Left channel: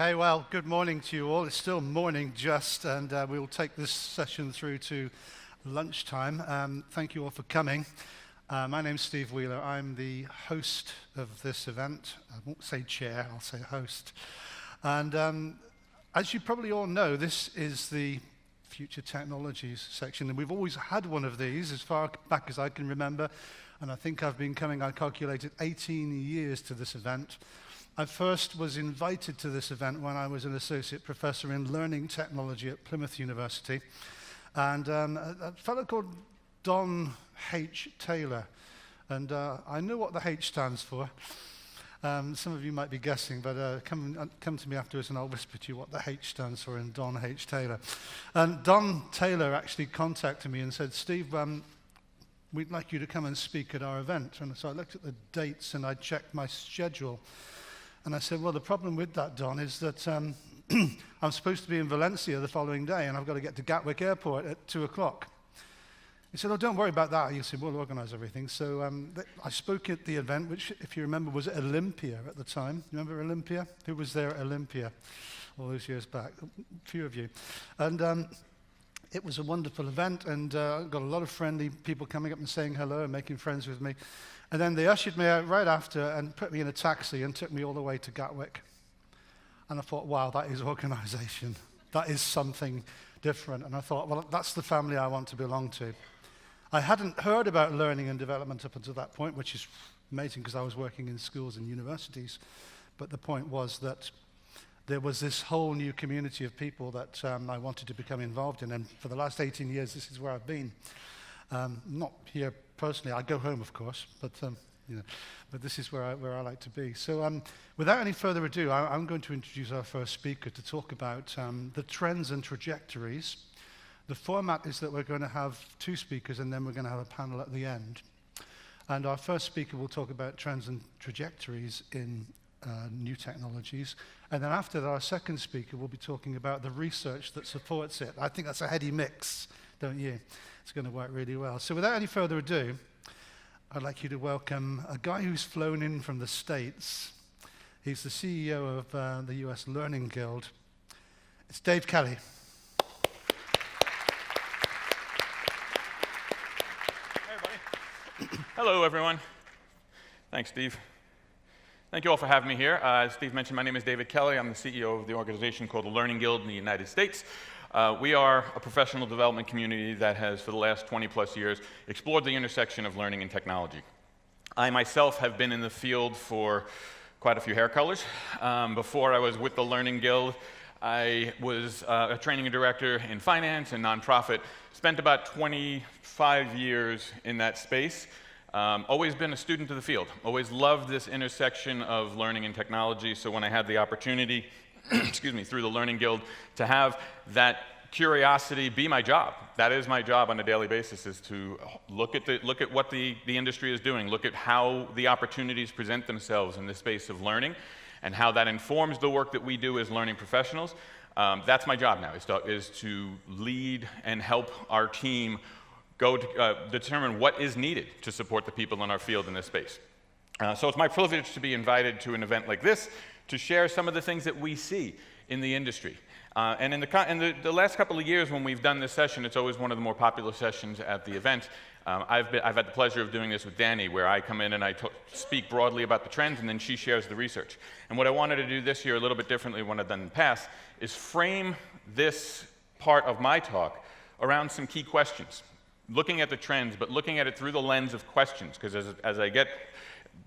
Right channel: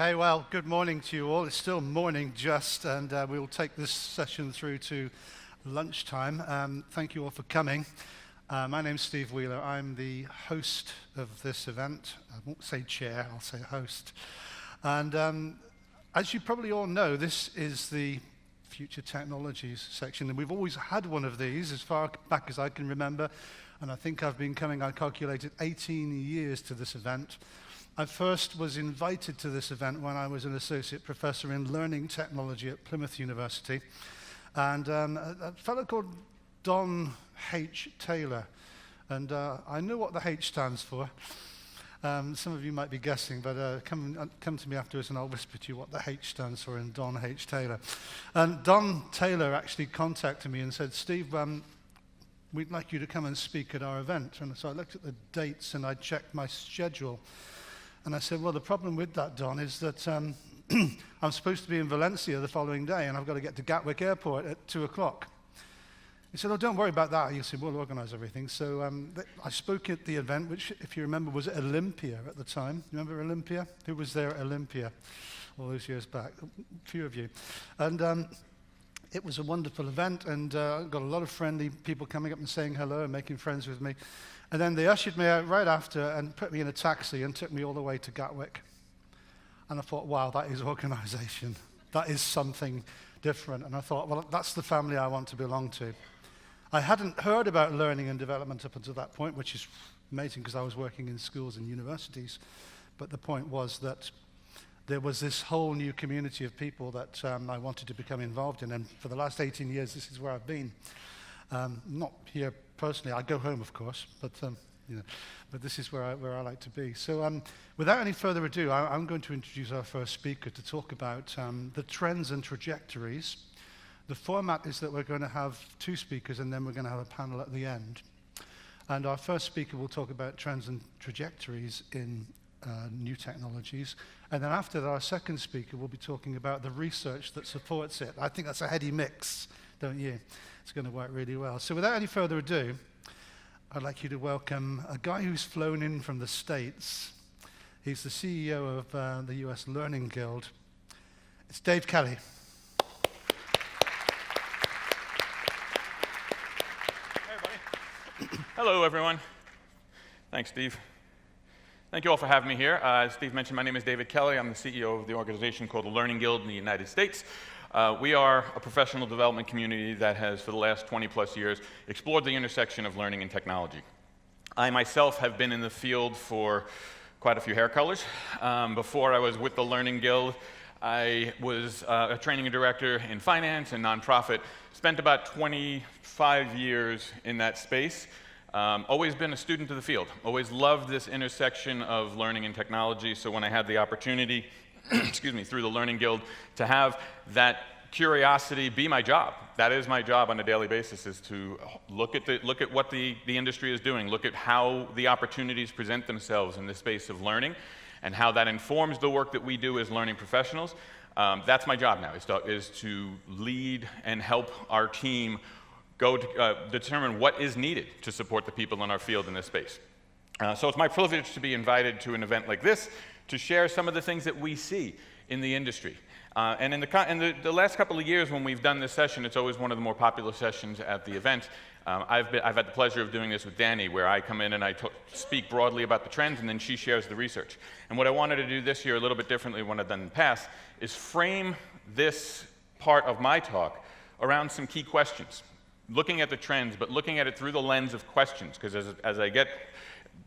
Okay, well, good morning to you all. It's still morning just, and we'll take this session through to lunchtime. Thank you all for coming. My name's Steve Wheeler. I'm the host of this event. I won't say chair, I'll say host. And as you probably all know, this is the Future Technologies section, and we've always had one of these as far back as I can remember, and I think I've been coming, I calculated, 18 years to this event. I first was invited to this event when I was an associate professor in learning technology at Plymouth University, and a fellow called Don H. Taylor, and I know what the H stands for. Some of you might be guessing, but come to me afterwards and I'll whisper to you what the H stands for in Don H. Taylor. And Don Taylor actually contacted me and said, Steve, we'd like you to come and speak at our event. And so I looked at the dates and I checked my schedule. And I said, well, the problem with that, Don, is that I'm supposed to be in Valencia the following day and I've got to get to Gatwick Airport at 2 o'clock. He said, oh, don't worry about that. He said, we'll organize everything. So I spoke at the event, which, if you remember, was at Olympia at the time. Remember Olympia? Who was there at Olympia all those years back? A few of you. And it was a wonderful event, and got a lot of friendly people coming up and saying hello and making friends with me. And then they ushered me out right after and put me in a taxi and took me all the way to Gatwick. And I thought, wow, that is organization. That is something different. And I thought, well, that's the family I want to belong to. I hadn't heard about learning and development up until that point, which is amazing because I was working in schools and universities. But the point was that there was this whole new community of people that I wanted to become involved in. And for the last 18 years, this is where I've been. Not here personally. I go home, of course, but but this is where I like to be. So without any further ado, I'm going to introduce our first speaker to talk about the trends and trajectories. The format is that we're going to have two speakers and then we're going to have a panel at the end. And our first speaker will talk about trends and trajectories in new technologies. And then after that, our second speaker will be talking about the research that supports it. I think that's a heady mix, don't you? It's going to work really well. So without any further ado, I'd like you to welcome a guy who's flown in from the States. He's the CEO of the US Learning Guild. It's Dave Kelly. Hello, everyone. Thanks, Steve. Thank you all for having me here. As Steve mentioned, my name is David Kelly. I'm the CEO of the organization called the Learning Guild in the United States. We are a professional development community that has, for the last 20-plus years, explored the intersection of learning and technology. I myself have been in the field for quite a few hair colors. Before I was with the Learning Guild, I was a training director in finance and nonprofit, spent about 25 years in that space. Always been a student of the field, always loved this intersection of learning and technology, so when I had the opportunity, excuse me, through the Learning Guild, to have that curiosity be my job. That is my job on a daily basis, is to look at what the industry is doing, look at how the opportunities present themselves in the space of learning, and how that informs the work that we do as learning professionals. That's my job now, is to lead and help our team go to determine what is needed to support the people in our field in this space. So it's my privilege to be invited to an event like this to share some of the things that we see in the industry. And in the last couple of years when we've done this session, it's always one of the more popular sessions at the event. I've had the pleasure of doing this with Danny, where I come in and I speak broadly about the trends, and then she shares the research. And what I wanted to do this year, a little bit differently than what I've done in the past, is frame this part of my talk around some key questions. Looking at the trends, but looking at it through the lens of questions, because as I get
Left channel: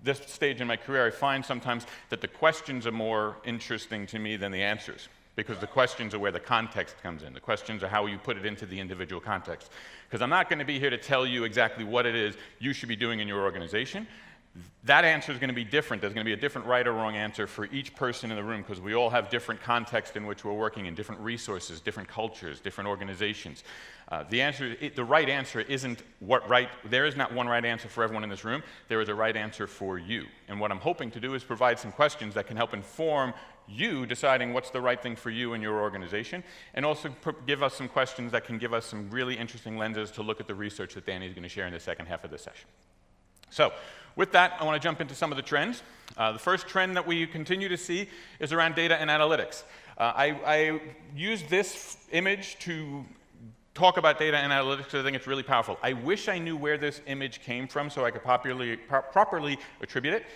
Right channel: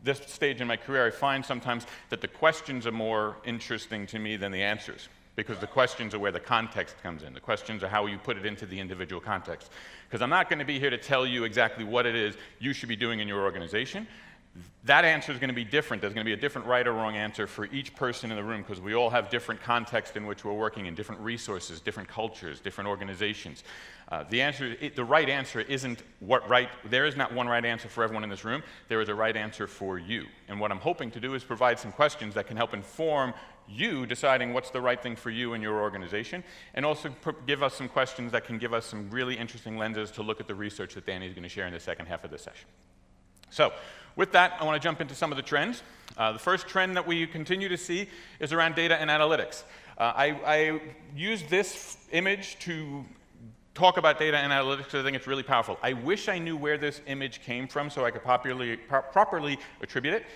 this stage in my career, I find sometimes that the questions are more interesting to me than the answers, because the questions are where the context comes in. The questions are how you put it into the individual context. Because I'm not going to be here to tell you exactly what it is you should be doing in your organization. That answer is going to be different. There's going to be a different right or wrong answer for each person in the room, because we all have different context in which we're working in, different resources, different cultures, different organizations. The right answer isn't what right. There is not one right answer for everyone in this room. There is a right answer for you. And what I'm hoping to do is provide some questions that can help inform you deciding what's the right thing for you and your organization, and also give us some questions that can give us some really interesting lenses to look at the research that Danny is going to share in the second half of this session. So With that, I want to jump into some of the trends. The first trend that we continue to see is around data and analytics. I used this image to talk about data and analytics because I think it's really powerful. I wish I knew where this image came from so I could properly attribute it.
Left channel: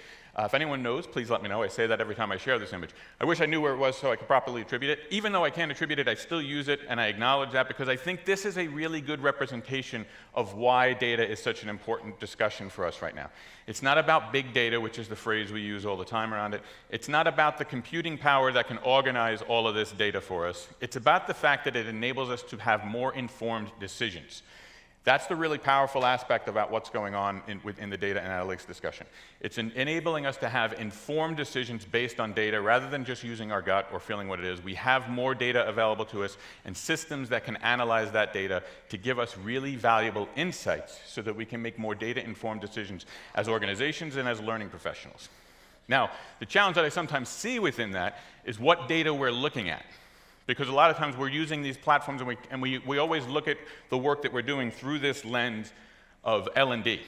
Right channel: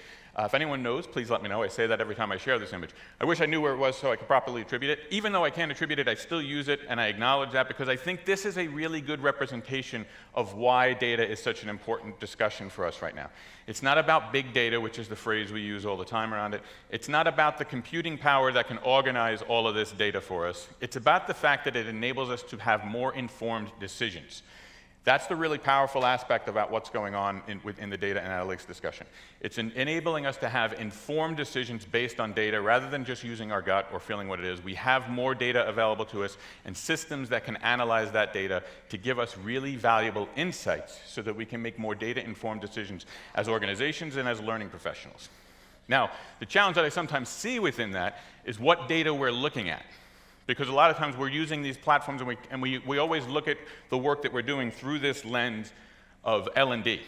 If anyone knows, please let me know. I say that every time I share this image. I wish I knew where it was so I could properly attribute it. Even though I can't attribute it, I still use it, and I acknowledge that because I think this is a really good representation of why data is such an important discussion for us right now. It's not about big data, which is the phrase we use all the time around it. It's not about the computing power that can organize all of this data for us. It's about the fact that it enables us to have more informed decisions. That's the really powerful aspect about what's going on in the data and analytics discussion. It's enabling us to have informed decisions based on data rather than just using our gut or feeling what it is. We have more data available to us and systems that can analyze that data to give us really valuable insights so that we can make more data-informed decisions as organizations and as learning professionals. Now, the challenge that I sometimes see within that is what data we're looking at. Because a lot of times we're using these platforms and we always look at the work that we're doing through this lens of L&D.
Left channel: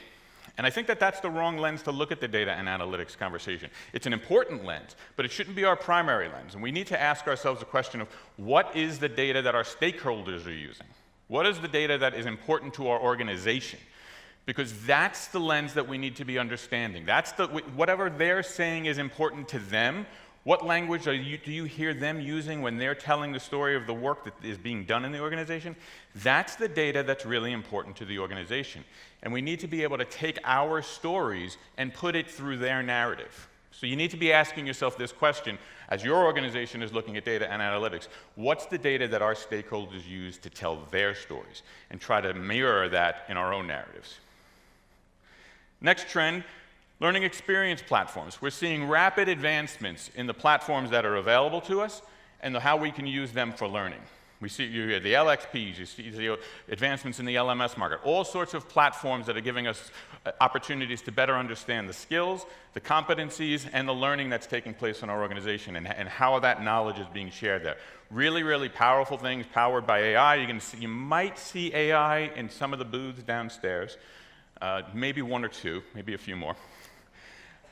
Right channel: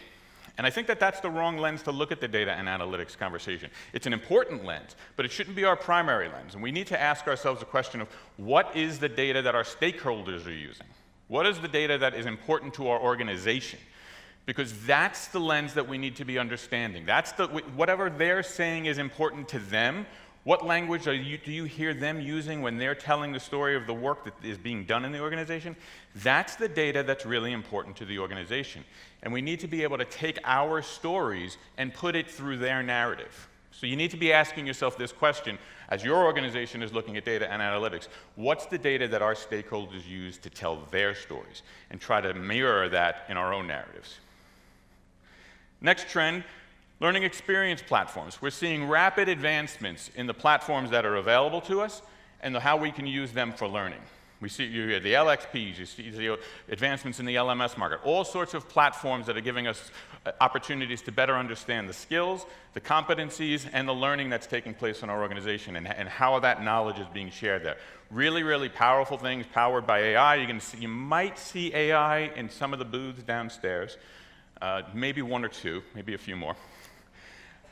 And I think that that's the wrong lens to look at the data and analytics conversation. It's an important lens, but it shouldn't be our primary lens. And we need to ask ourselves the question of what is the data that our stakeholders are using? What is the data that is important to our organization? Because that's the lens that we need to be understanding. That's whatever they're saying is important to them. What language do you hear them using when they're telling the story of the work that is being done in the organization? That's the data that's really important to the organization. And we need to be able to take our stories and put it through their narrative. So you need to be asking yourself this question as your organization is looking at data and analytics. What's the data that our stakeholders use to tell their stories? And try to mirror that in our own narratives. Next trend. Learning experience platforms. We're seeing rapid advancements in the platforms that are available to us and how we can use them for learning. We see you hear the LXPs, you see the advancements in the LMS market, all sorts of platforms that are giving us opportunities to better understand the skills, the competencies, and the learning that's taking place in our organization and how that knowledge is being shared there. Really, really powerful things powered by AI. You might see AI in some of the booths downstairs, maybe one or two, maybe a few more.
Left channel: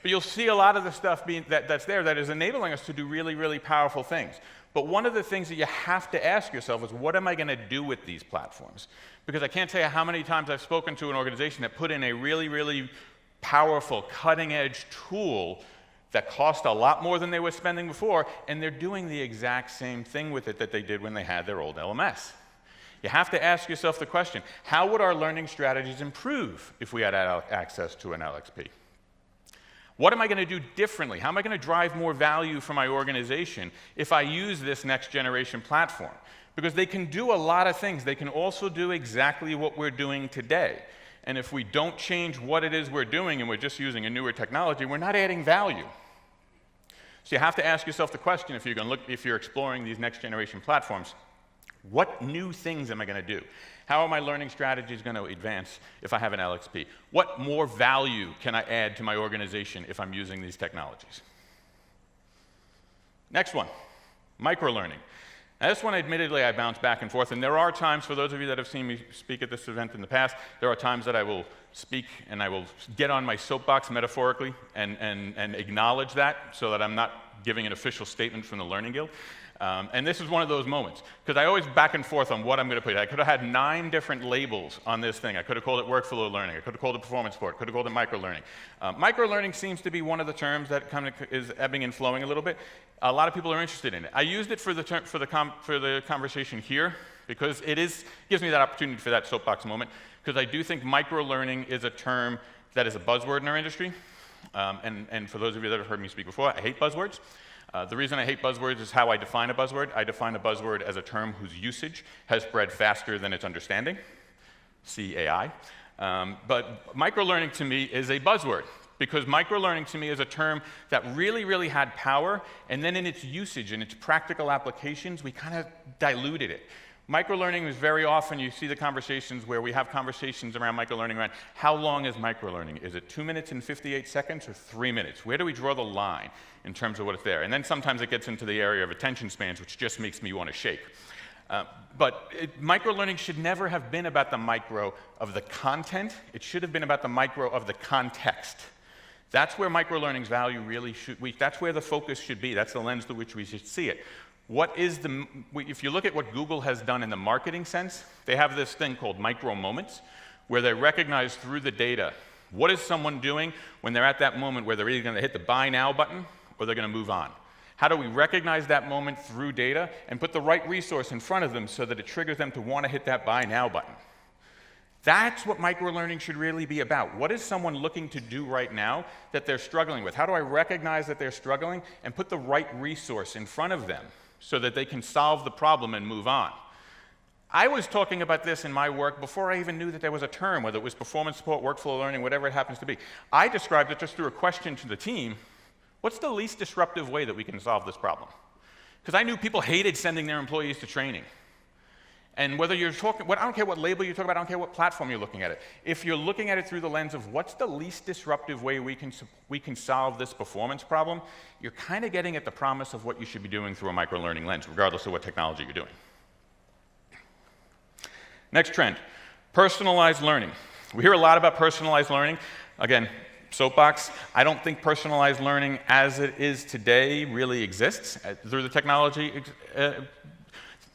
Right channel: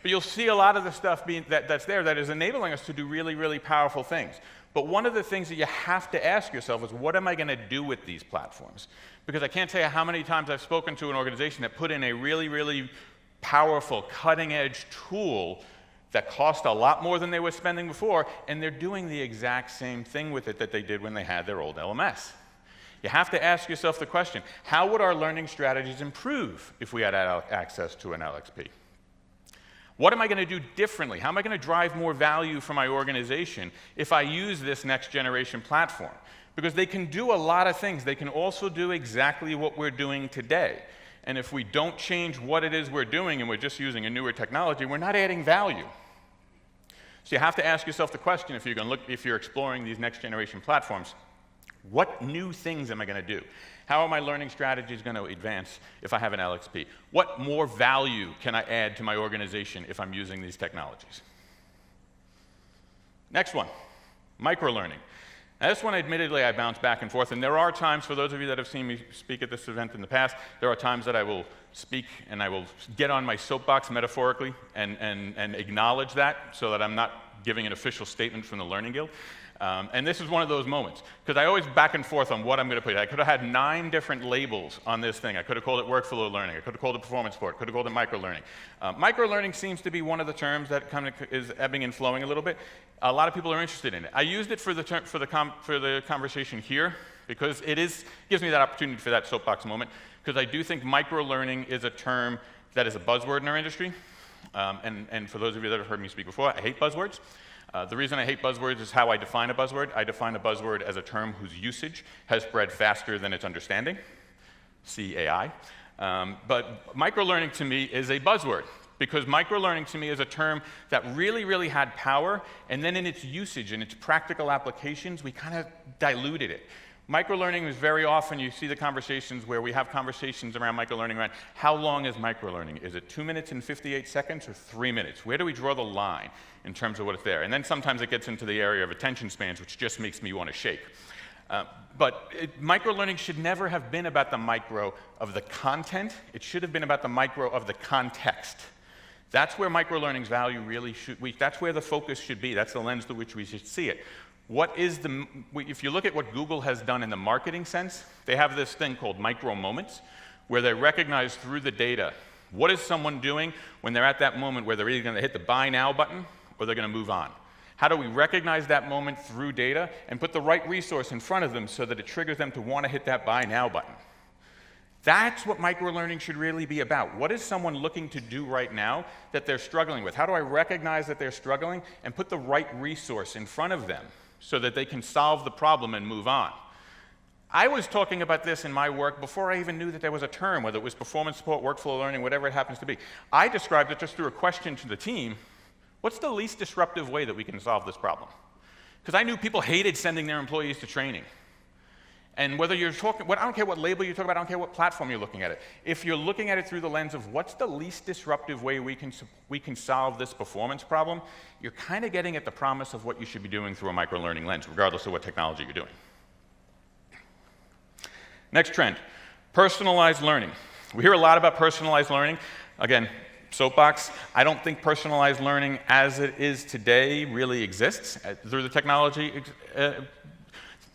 But you'll see a lot of the stuff that's there that is enabling us to do really, really powerful things. But one of the things that you have to ask yourself is, what am I going to do with these platforms? Because I can't tell you how many times I've spoken to an organization that put in a really, really powerful, cutting-edge tool that cost a lot more than they were spending before, and they're doing the exact same thing with it that they did when they had their old LMS. You have to ask yourself the question, how would our learning strategies improve if we had access to an LXP? What am I going to do differently? How am I going to drive more value for my organization if I use this next generation platform? Because they can do a lot of things. They can also do exactly what we're doing today. And if we don't change what it is we're doing and we're just using a newer technology, we're not adding value. So you have to ask yourself the question, if you're exploring these next generation platforms, what new things am I going to do? How are my learning strategies going to advance if I have an LXP? What more value can I add to my organization if I'm using these technologies? Next one, microlearning. Now this one, admittedly, I bounce back and forth, and there are times, for those of you that have seen me speak at this event in the past, there are times that I will speak and I will get on my soapbox metaphorically and acknowledge that so that I'm not giving an official statement from the Learning Guild. And this is one of those moments, because I always back and forth on what I'm going to put. I could have had 9 different labels on this thing. I could have called it workflow learning. I could have called it performance sport. Could have called it microlearning. Microlearning seems to be one of the terms that kind of is ebbing and flowing a little bit. A lot of people are interested in it. I used it for the conversation here because it gives me that opportunity for that soapbox moment, because I do think microlearning is a term that is a buzzword in our industry. And for those of you that have heard me speak before, I hate buzzwords. The reason I hate buzzwords is how I define a buzzword. I define a buzzword as a term whose usage has spread faster than its understanding. See AI. But microlearning to me is a buzzword, because microlearning to me is a term that really, really had power, and then in its usage and its practical applications, we kind of diluted it. Microlearning is very often, you see the conversations where we have conversations around microlearning around how long is microlearning? Is it 2 minutes and 58 seconds or 3 minutes? Where do we draw the line in terms of what is there? And then sometimes it gets into the area of attention spans, which just makes me want to shake. Microlearning should never have been about the micro of the content. It should have been about the micro of the context. That's where microlearning's value really that's where the focus should be. That's the lens through which we should see it. If you look at what Google has done in the marketing sense, they have this thing called micro moments, where they recognize through the data, what is someone doing when they're at that moment where they're either going to hit the buy now button or they're going to move on. How do we recognize that moment through data and put the right resource in front of them so that it triggers them to want to hit that buy now button? That's what microlearning should really be about. What is someone looking to do right now that they're struggling with? How do I recognize that they're struggling and put the right resource in front of them so that they can solve the problem and move on? I was talking about this in my work before I even knew that there was a term, whether it was performance support, workflow learning, whatever it happens to be. I described it just through a question to the team. What's the least disruptive way that we can solve this problem? Because I knew people hated sending their employees to training. And whether you're talking, I don't care what label you're talking about, I don't care what platform you're looking at it. If you're looking at it through the lens of what's the least disruptive way we can solve this performance problem, you're kind of getting at the promise of what you should be doing through a microlearning lens, regardless of what technology you're doing. Next trend, personalized learning. We hear a lot about personalized learning. Again, soapbox, I don't think personalized learning as it is today really exists. Through the technology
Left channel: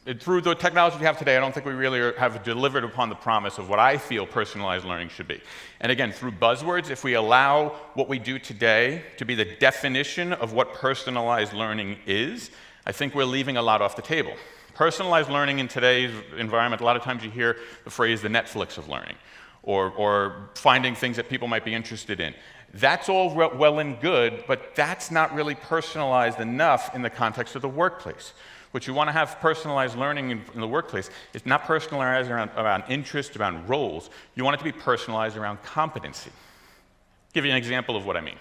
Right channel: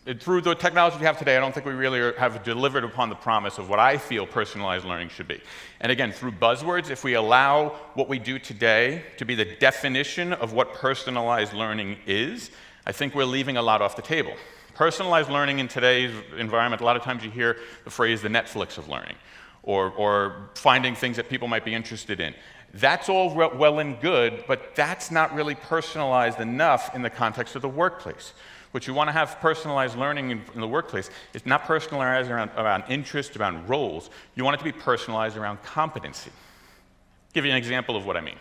we have today, I don't think we really have delivered upon the promise of what I feel personalized learning should be. And again, through buzzwords, if we allow what we do today to be the definition of what personalized learning is, I think we're leaving a lot off the table. Personalized learning in today's environment, a lot of times you hear the phrase the Netflix of learning, or finding things that people might be interested in. That's all well and good, but that's not really personalized enough in the context of the workplace. What you want to have personalized learning in the workplace is not personalized around interest, around roles. You want it to be personalized around competency. I'll give you an example of what I mean.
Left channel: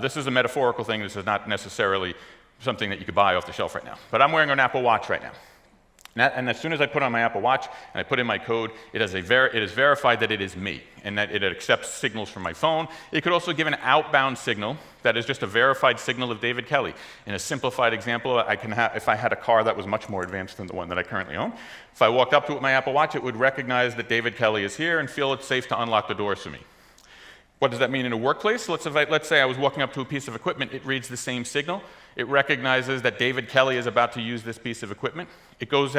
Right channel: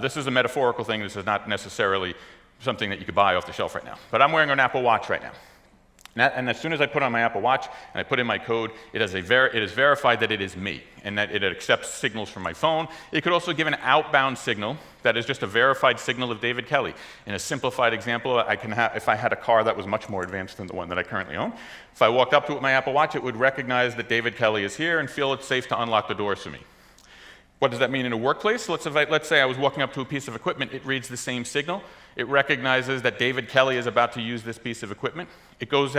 This is a metaphorical thing. This is not necessarily something that you could buy off the shelf right now. But I'm wearing an Apple Watch right now. And as soon as I put on my Apple Watch and I put in my code, it is verified that it is me and that it accepts signals from my phone. It could also give an outbound signal that is just a verified signal of David Kelly. In a simplified example, if I had a car that was much more advanced than the one that I currently own, if I walked up to it with my Apple Watch, it would recognize that David Kelly is here and feel it's safe to unlock the doors for me. What does that mean in a workplace? Let's say I was walking up to a piece of equipment. It reads the same signal. It recognizes that David Kelly is about to use this piece of equipment. It goes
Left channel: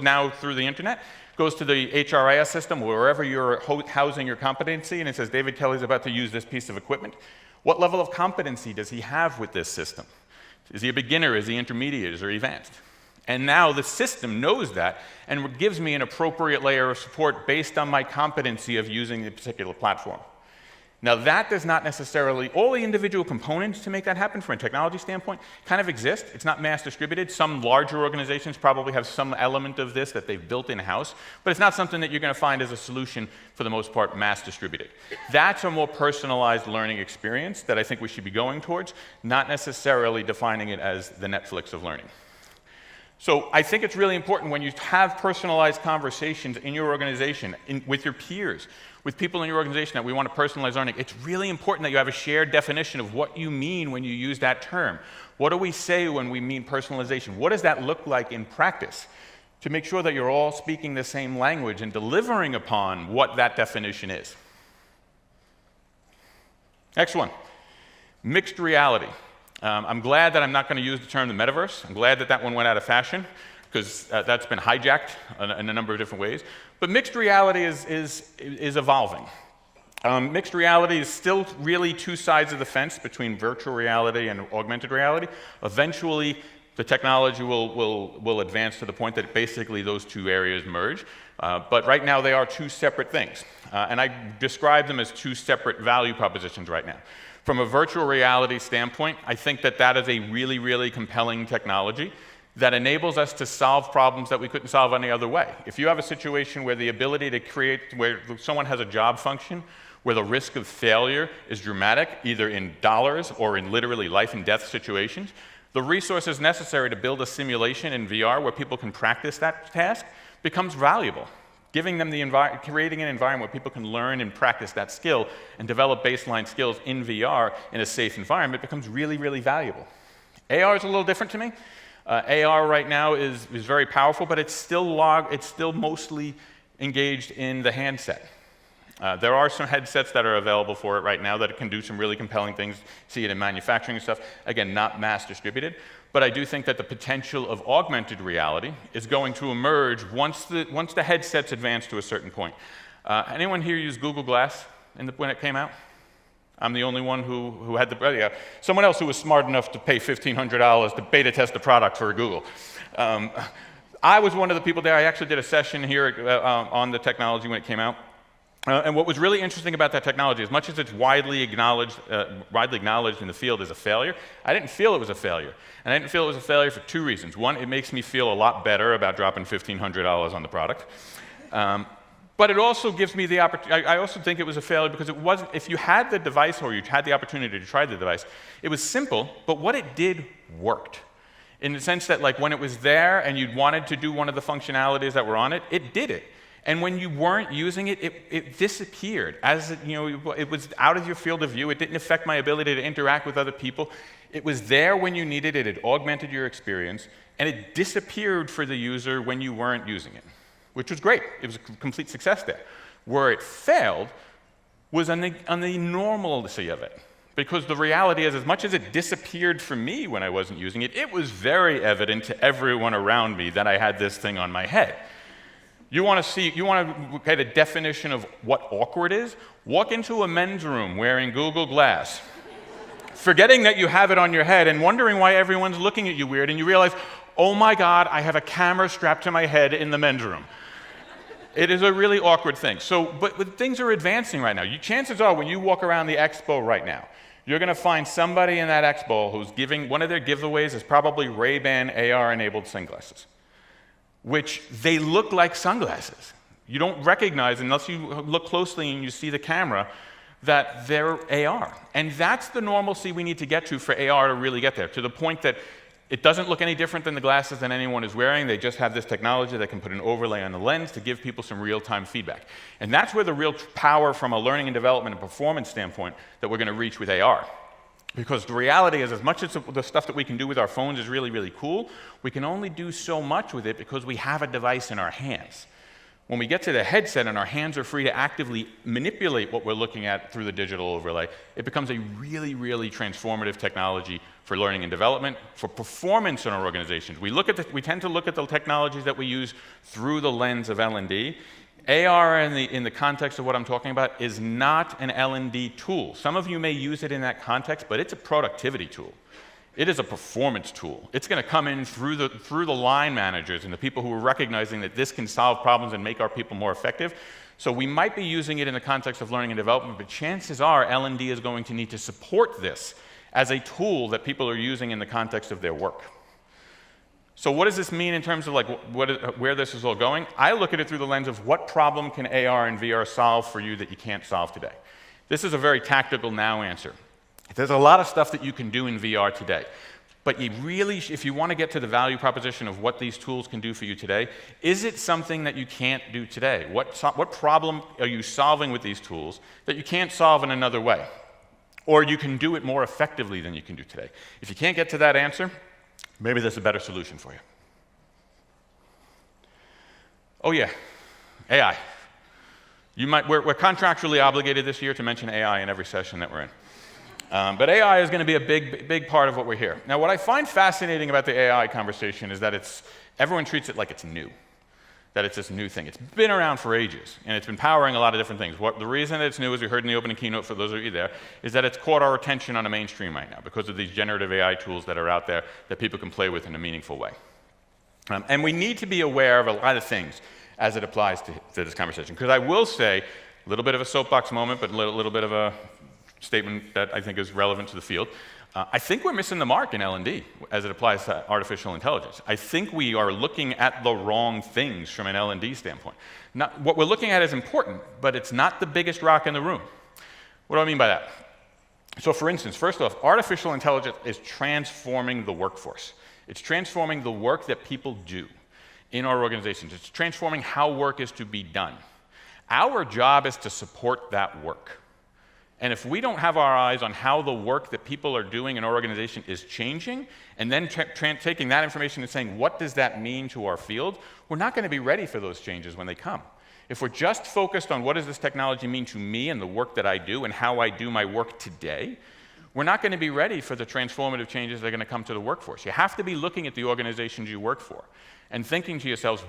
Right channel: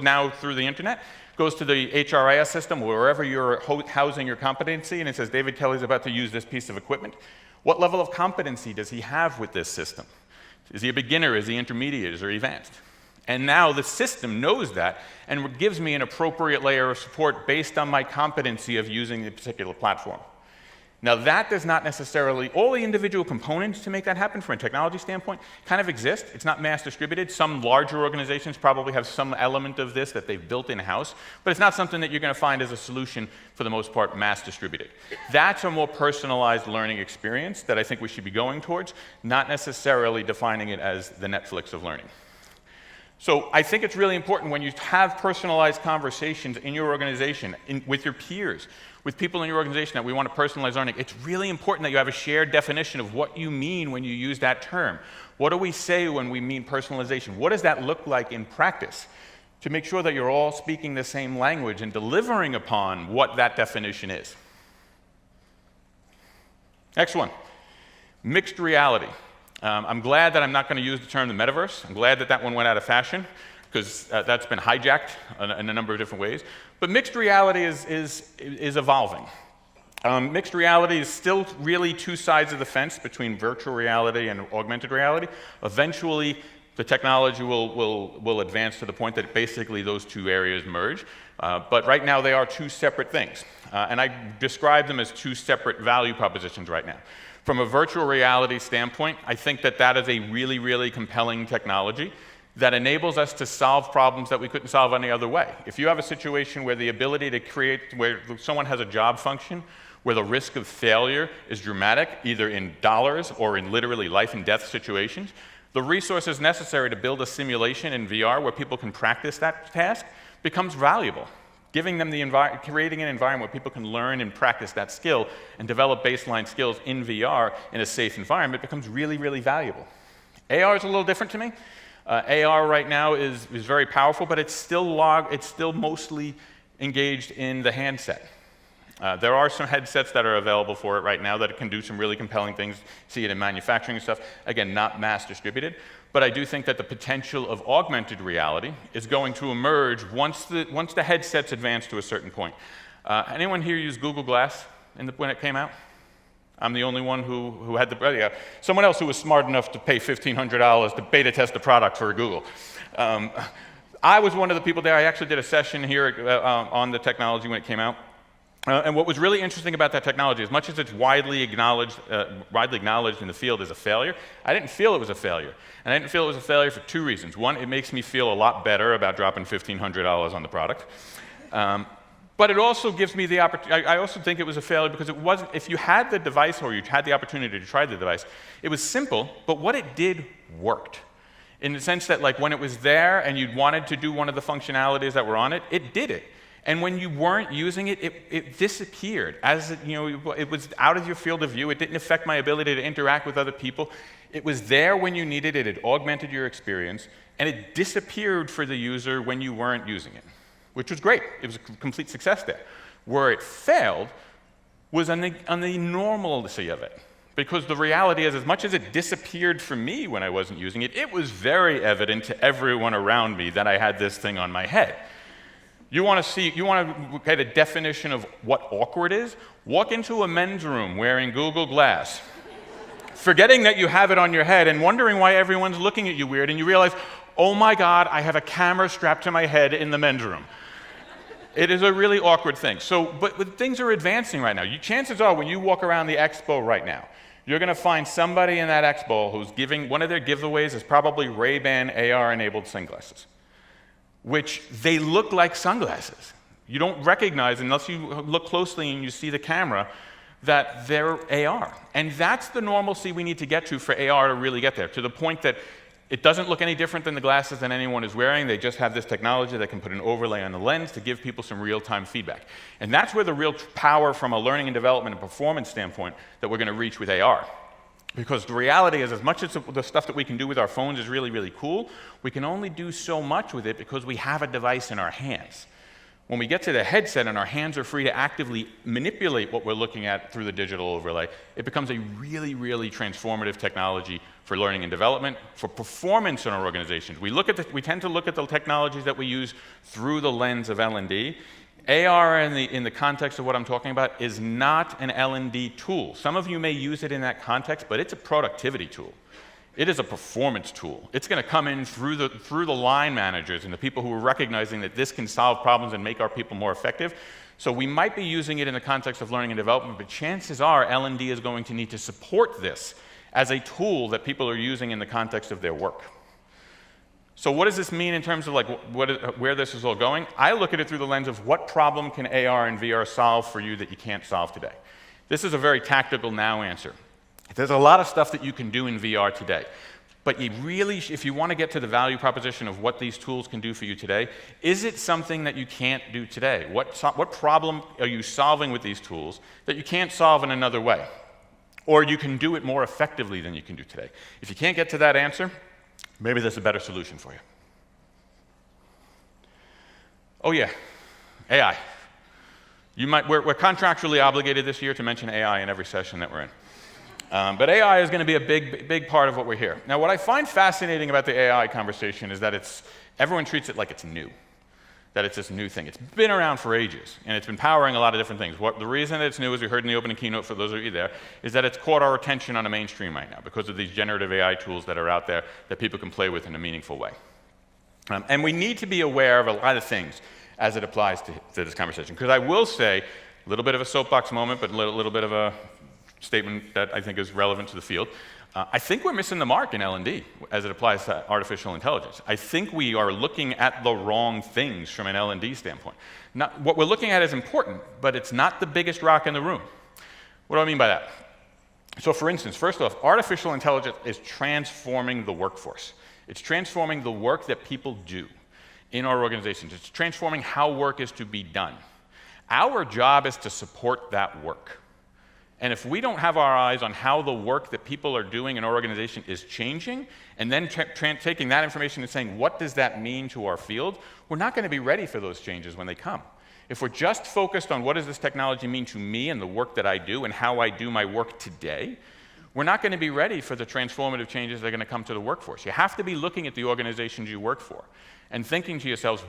now through the internet, goes to the HRIS system, wherever you're housing your competency, and it says David Kelly is about to use this piece of equipment. What level of competency does he have with this system? Is he a beginner? Is he intermediate? Is he advanced? And now the system knows that and gives me an appropriate layer of support based on my competency of using the particular platform. Now that does not necessarily, all the individual components to make that happen from a technology standpoint kind of exist. It's not mass distributed. Some larger organizations probably have some element of this that they've built in-house, but it's not something that you're going to find as a solution for the most part mass distributed. That's a more personalized learning experience that I think we should be going towards, not necessarily defining it as the Netflix of learning. So I think it's really important when you have personalized conversations in your organization, with your peers, with people in your organization that we want to personalize learning, it's really important that you have a shared definition of what you mean when you use that term. What do we say when we mean personalization? What does that look like in practice? To make sure that you're all speaking the same language and delivering upon what that definition is. Next one, mixed reality. I'm glad that I'm not going to use the term the metaverse. I'm glad that that one went out of fashion because that's been hijacked in a number of different ways. But mixed reality is evolving. Mixed reality is still really two sides of the fence between virtual reality and augmented reality. Eventually, the technology will advance to the point that basically those two areas merge. But right now, they are two separate things. And I describe them as two separate value propositions right now. From a virtual reality standpoint, I think that that is a really, really compelling technology that enables us to solve problems that we couldn't solve any other way. If you have a situation where the ability to create, where someone has a job function, where the risk of failure is dramatic, either in dollars or in literally life and death situations, the resources necessary to build a simulation in VR where people can practice that task becomes valuable. Giving them creating an environment where people can learn and practice that skill and develop baseline skills in VR in a safe environment becomes really, really valuable. AR is a little different to me. AR right now is very powerful, but it's still mostly engaged in the handset. There are some headsets that are available for it right now that can do some really compelling things, see it in manufacturing and stuff. Again, not mass distributed. But I do think that the potential of augmented reality is going to emerge once the headsets advance to a certain point. Anyone here use Google Glass when it came out? I'm the only one who had the, someone else who was smart enough to pay $1,500 to beta test the product for Google. I was one of the people there. I actually did a session here on the technology when it came out. And what was really interesting about that technology, as much as it's widely acknowledged in the field as a failure, I didn't feel it was a failure. And I didn't feel it was a failure for two reasons. One, it makes me feel a lot better about dropping $1,500 on the product. But it also gives me the opportunity. I also think it was a failure because it wasn't, if you had the device or you had the opportunity to try the device, it was simple, but what it did worked. In the sense that, like, when it was there and you wanted to do one of the functionalities that were on it, it did it. And when you weren't using it, it disappeared. As it was out of your field of view. It didn't affect my ability to interact with other people. It was there when you needed it. It augmented your experience. And it disappeared for the user when you weren't using it, which was great. It was a complete success there. Where it failed was on the normalcy of it. Because the reality is, as much as it disappeared for me when I wasn't using it, it was very evident to everyone around me that I had this thing on my head. You want to get a definition of what awkward is? Walk into a men's room wearing Google Glass, forgetting that you have it on your head and wondering why everyone's looking at you weird, and you realize, oh my God, I have a camera strapped to my head in the men's room. It is a really awkward thing. But things are advancing right now. Chances are, when you walk around the expo right now, you're going to find somebody in that expo who's giving, one of their giveaways is probably Ray-Ban AR-enabled sunglasses, which they look like sunglasses. You don't recognize, unless you look closely and you see the camera, that they're AR. And that's the normalcy we need to get to for AR to really get there, to the point that it doesn't look any different than the glasses that anyone is wearing. They just have this technology that can put an overlay on the lens to give people some real-time feedback. And that's where the real power from a learning and development and performance standpoint that we're going to reach with AR. Because the reality is, as much as the stuff that we can do with our phones is really, really cool, we can only do so much with it because we have a device in our hands. When we get to the headset and our hands are free to actively manipulate what we're looking at through the digital overlay, it becomes a really, really transformative technology for learning and development, for performance in our organizations. We tend to look at the technologies that we use through the lens of L&D. AR in the context of what I'm talking about is not an L&D tool. Some of you may use it in that context, but it's a productivity tool. It is a performance tool. It's going to come in through the line managers and the people who are recognizing that this can solve problems and make our people more effective. So we might be using it in the context of learning and development, but chances are L&D is going to need to support this as a tool that people are using in the context of their work. So what does this mean in terms of where this is all going? I look at it through the lens of what problem can AR and VR solve for you that you can't solve today. This is a very tactical now answer. There's a lot of stuff that you can do in VR today. But you really, if you want to get to the value proposition of what these tools can do for you today, is it something that you can't do today? What problem are you solving with these tools that you can't solve in another way? Or you can do it more effectively than you can do today? If you can't get to that answer, maybe there's a better solution for you. Oh yeah, AI. We're contractually obligated this year to mention AI in every session that we're in. But AI is going to be a big part of what we're here. Now, what I find fascinating about the AI conversation is that everyone treats it like it's new, that it's this new thing. It's been around for ages, and it's been powering a lot of different things. The reason it's new, as we heard in the opening keynote for those of you there, is that it's caught our attention on the mainstream right now because of these generative AI tools that are out there that people can play with in a meaningful way. And we need to be aware of a lot of things as it applies to this conversation. Because I will say, a little bit of a soapbox moment, but a little bit of a statement that I think is relevant to the field. I think we're missing the mark in L&D as it applies to artificial intelligence. I think we are looking at the wrong things from an L&D standpoint. What we're looking at is important, but it's not the biggest rock in the room. What do I mean by that? So for instance, first off, artificial intelligence is transforming the workforce. It's transforming the work that people do in our organizations. It's transforming how work is to be done. Our job is to support that work. And if we don't have our eyes on how the work that people are doing in our organization is changing, and then taking that information and saying, what does that mean to our field, we're not going to be ready for those changes when they come. if we're just focused on what does this technology mean to me and the work that I do and how I do my work today, we're not going to be ready for the transformative changes that are going to come to the workforce. You have to be looking at the organizations you work for and thinking to yourselves,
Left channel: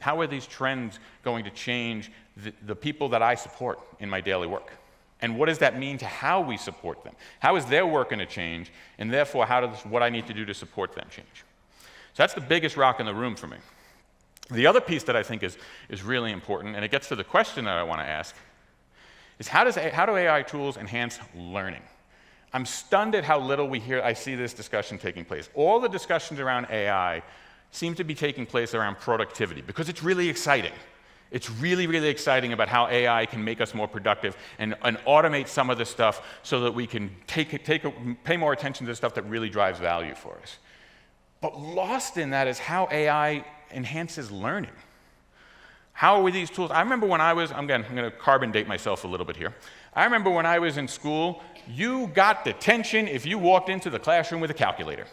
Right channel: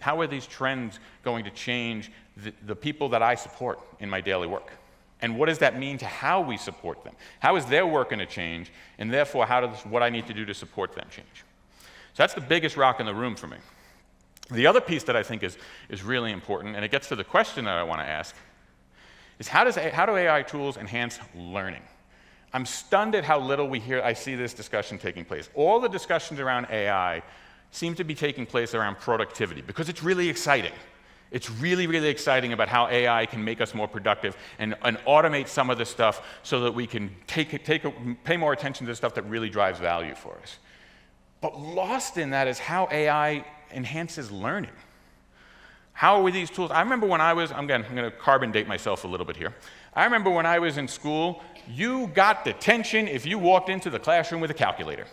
how are these trends going to change the people that I support in my daily work? And what does that mean to how we support them? How is their work going to change? And therefore, how does what I need to do to support them change? So that's the biggest rock in the room for me. The other piece that I think is really important, and it gets to the question that I want to ask, is how do AI tools enhance learning? I'm stunned at how little I see this discussion taking place. All the discussions around AI seem to be taking place around productivity because it's really exciting. It's really, really exciting about how AI can make us more productive and automate some of the stuff so that we can pay more attention to the stuff that really drives value for us. But lost in that is how AI enhances learning. How are these tools? I remember when I'm going to carbon date myself a little bit here. I remember when I was in school, you got detention if you walked into the classroom with a calculator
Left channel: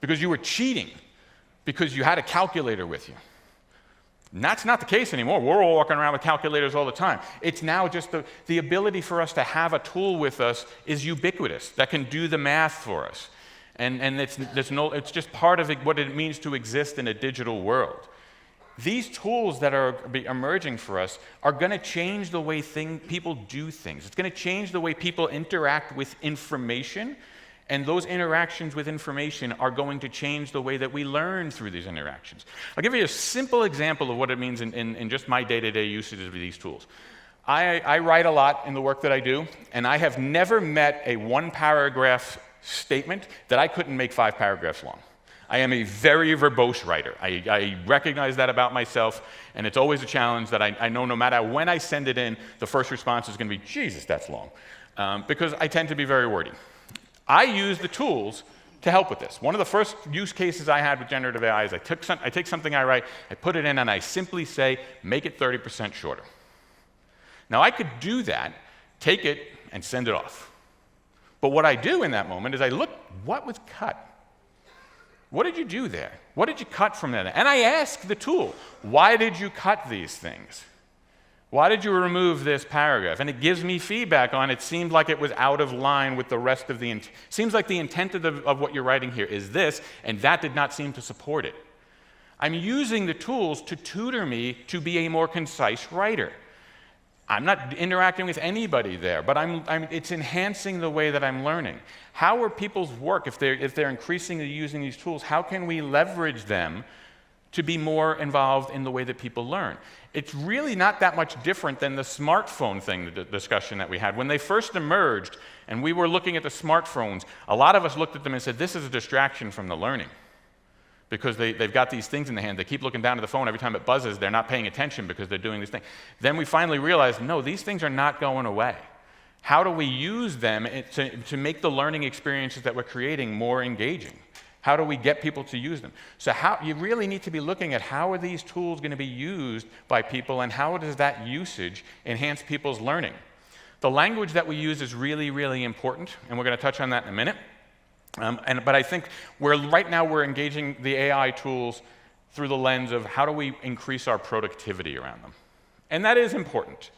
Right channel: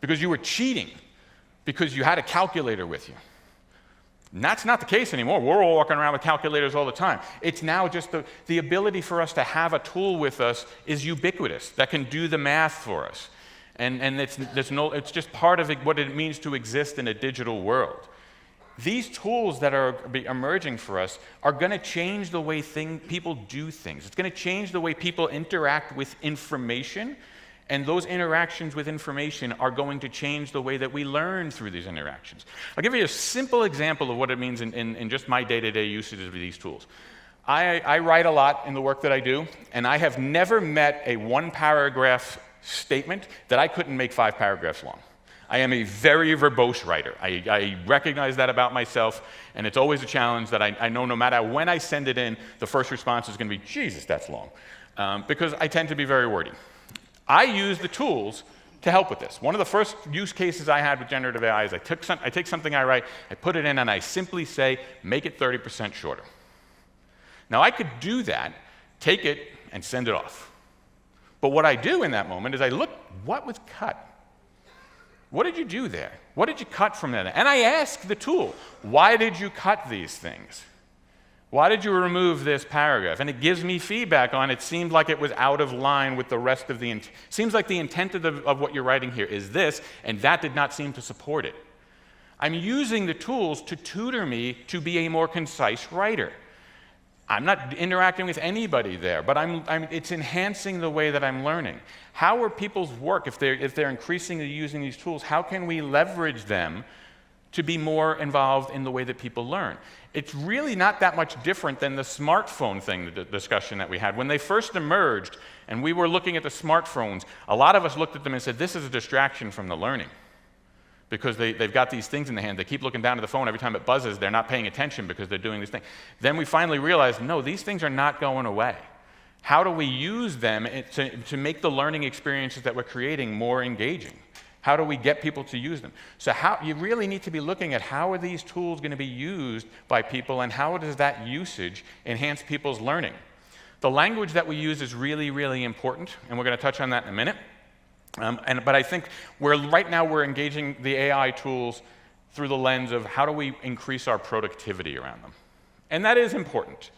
because you were cheating because you had a calculator with you. And that's not the case anymore. We're all walking around with calculators all the time. It's now just the ability for us to have a tool with us is ubiquitous that can do the math for us. And it's just part of what it means to exist in a digital world. These tools that are emerging for us are going to change the way people do things. It's going to change the way people interact with information, and those interactions with information are going to change the way that we learn through these interactions. I'll give you a simple example of what it means in just my day-to-day usage of these tools. I write a lot in the work that I do, and I have never met a one-paragraph statement that I couldn't make 5 paragraphs long. I am a very verbose writer. I recognize that about myself, and it's always a challenge that I know no matter when I send it in, the first response is going to be, Jesus, that's long, because I tend to be very wordy. I use the tools to help with this. One of the first use cases I had with generative AI is I take something I write, I put it in, and I simply say, make it 30% shorter. Now, I could do that, take it, and send it off. But what I do in that moment is I look, what was cut? What did you do there? What did you cut from that? And I ask the tool, why did you cut these things? Why did you remove this paragraph? And it gives me feedback on it seemed like it was out of line with the rest of the intent. Seems like the intent of what you're writing here is this, and that did not seem to support it. I'm using the tools to tutor me to be a more concise writer. I'm not interacting with anybody there, but it's enhancing the way that I'm learning. How are people's work, if they're increasingly using these tools, how can we leverage them to be more involved in the way that people learn? It's really not that much different than the smartphone thing, the discussion that we had. When they first emerged and we were looking at the smartphones, a lot of us looked at them and said, this is a distraction from the learning. Because they've got these things in the hand. They keep looking down at the phone every time it buzzes. They're not paying attention because they're doing this thing. Then we finally realized, no, these things are not going away. How do we use them to make the learning experiences that we're creating more engaging? How do we get people to use them? So you really need to be looking at how are these tools going to be used by people and how does that usage enhance people's learning? The language that we use is really, really important, and we're going to touch on that in a minute. But I think right now we're engaging the AI tools through the lens of how do we increase our productivity around them. And that is important.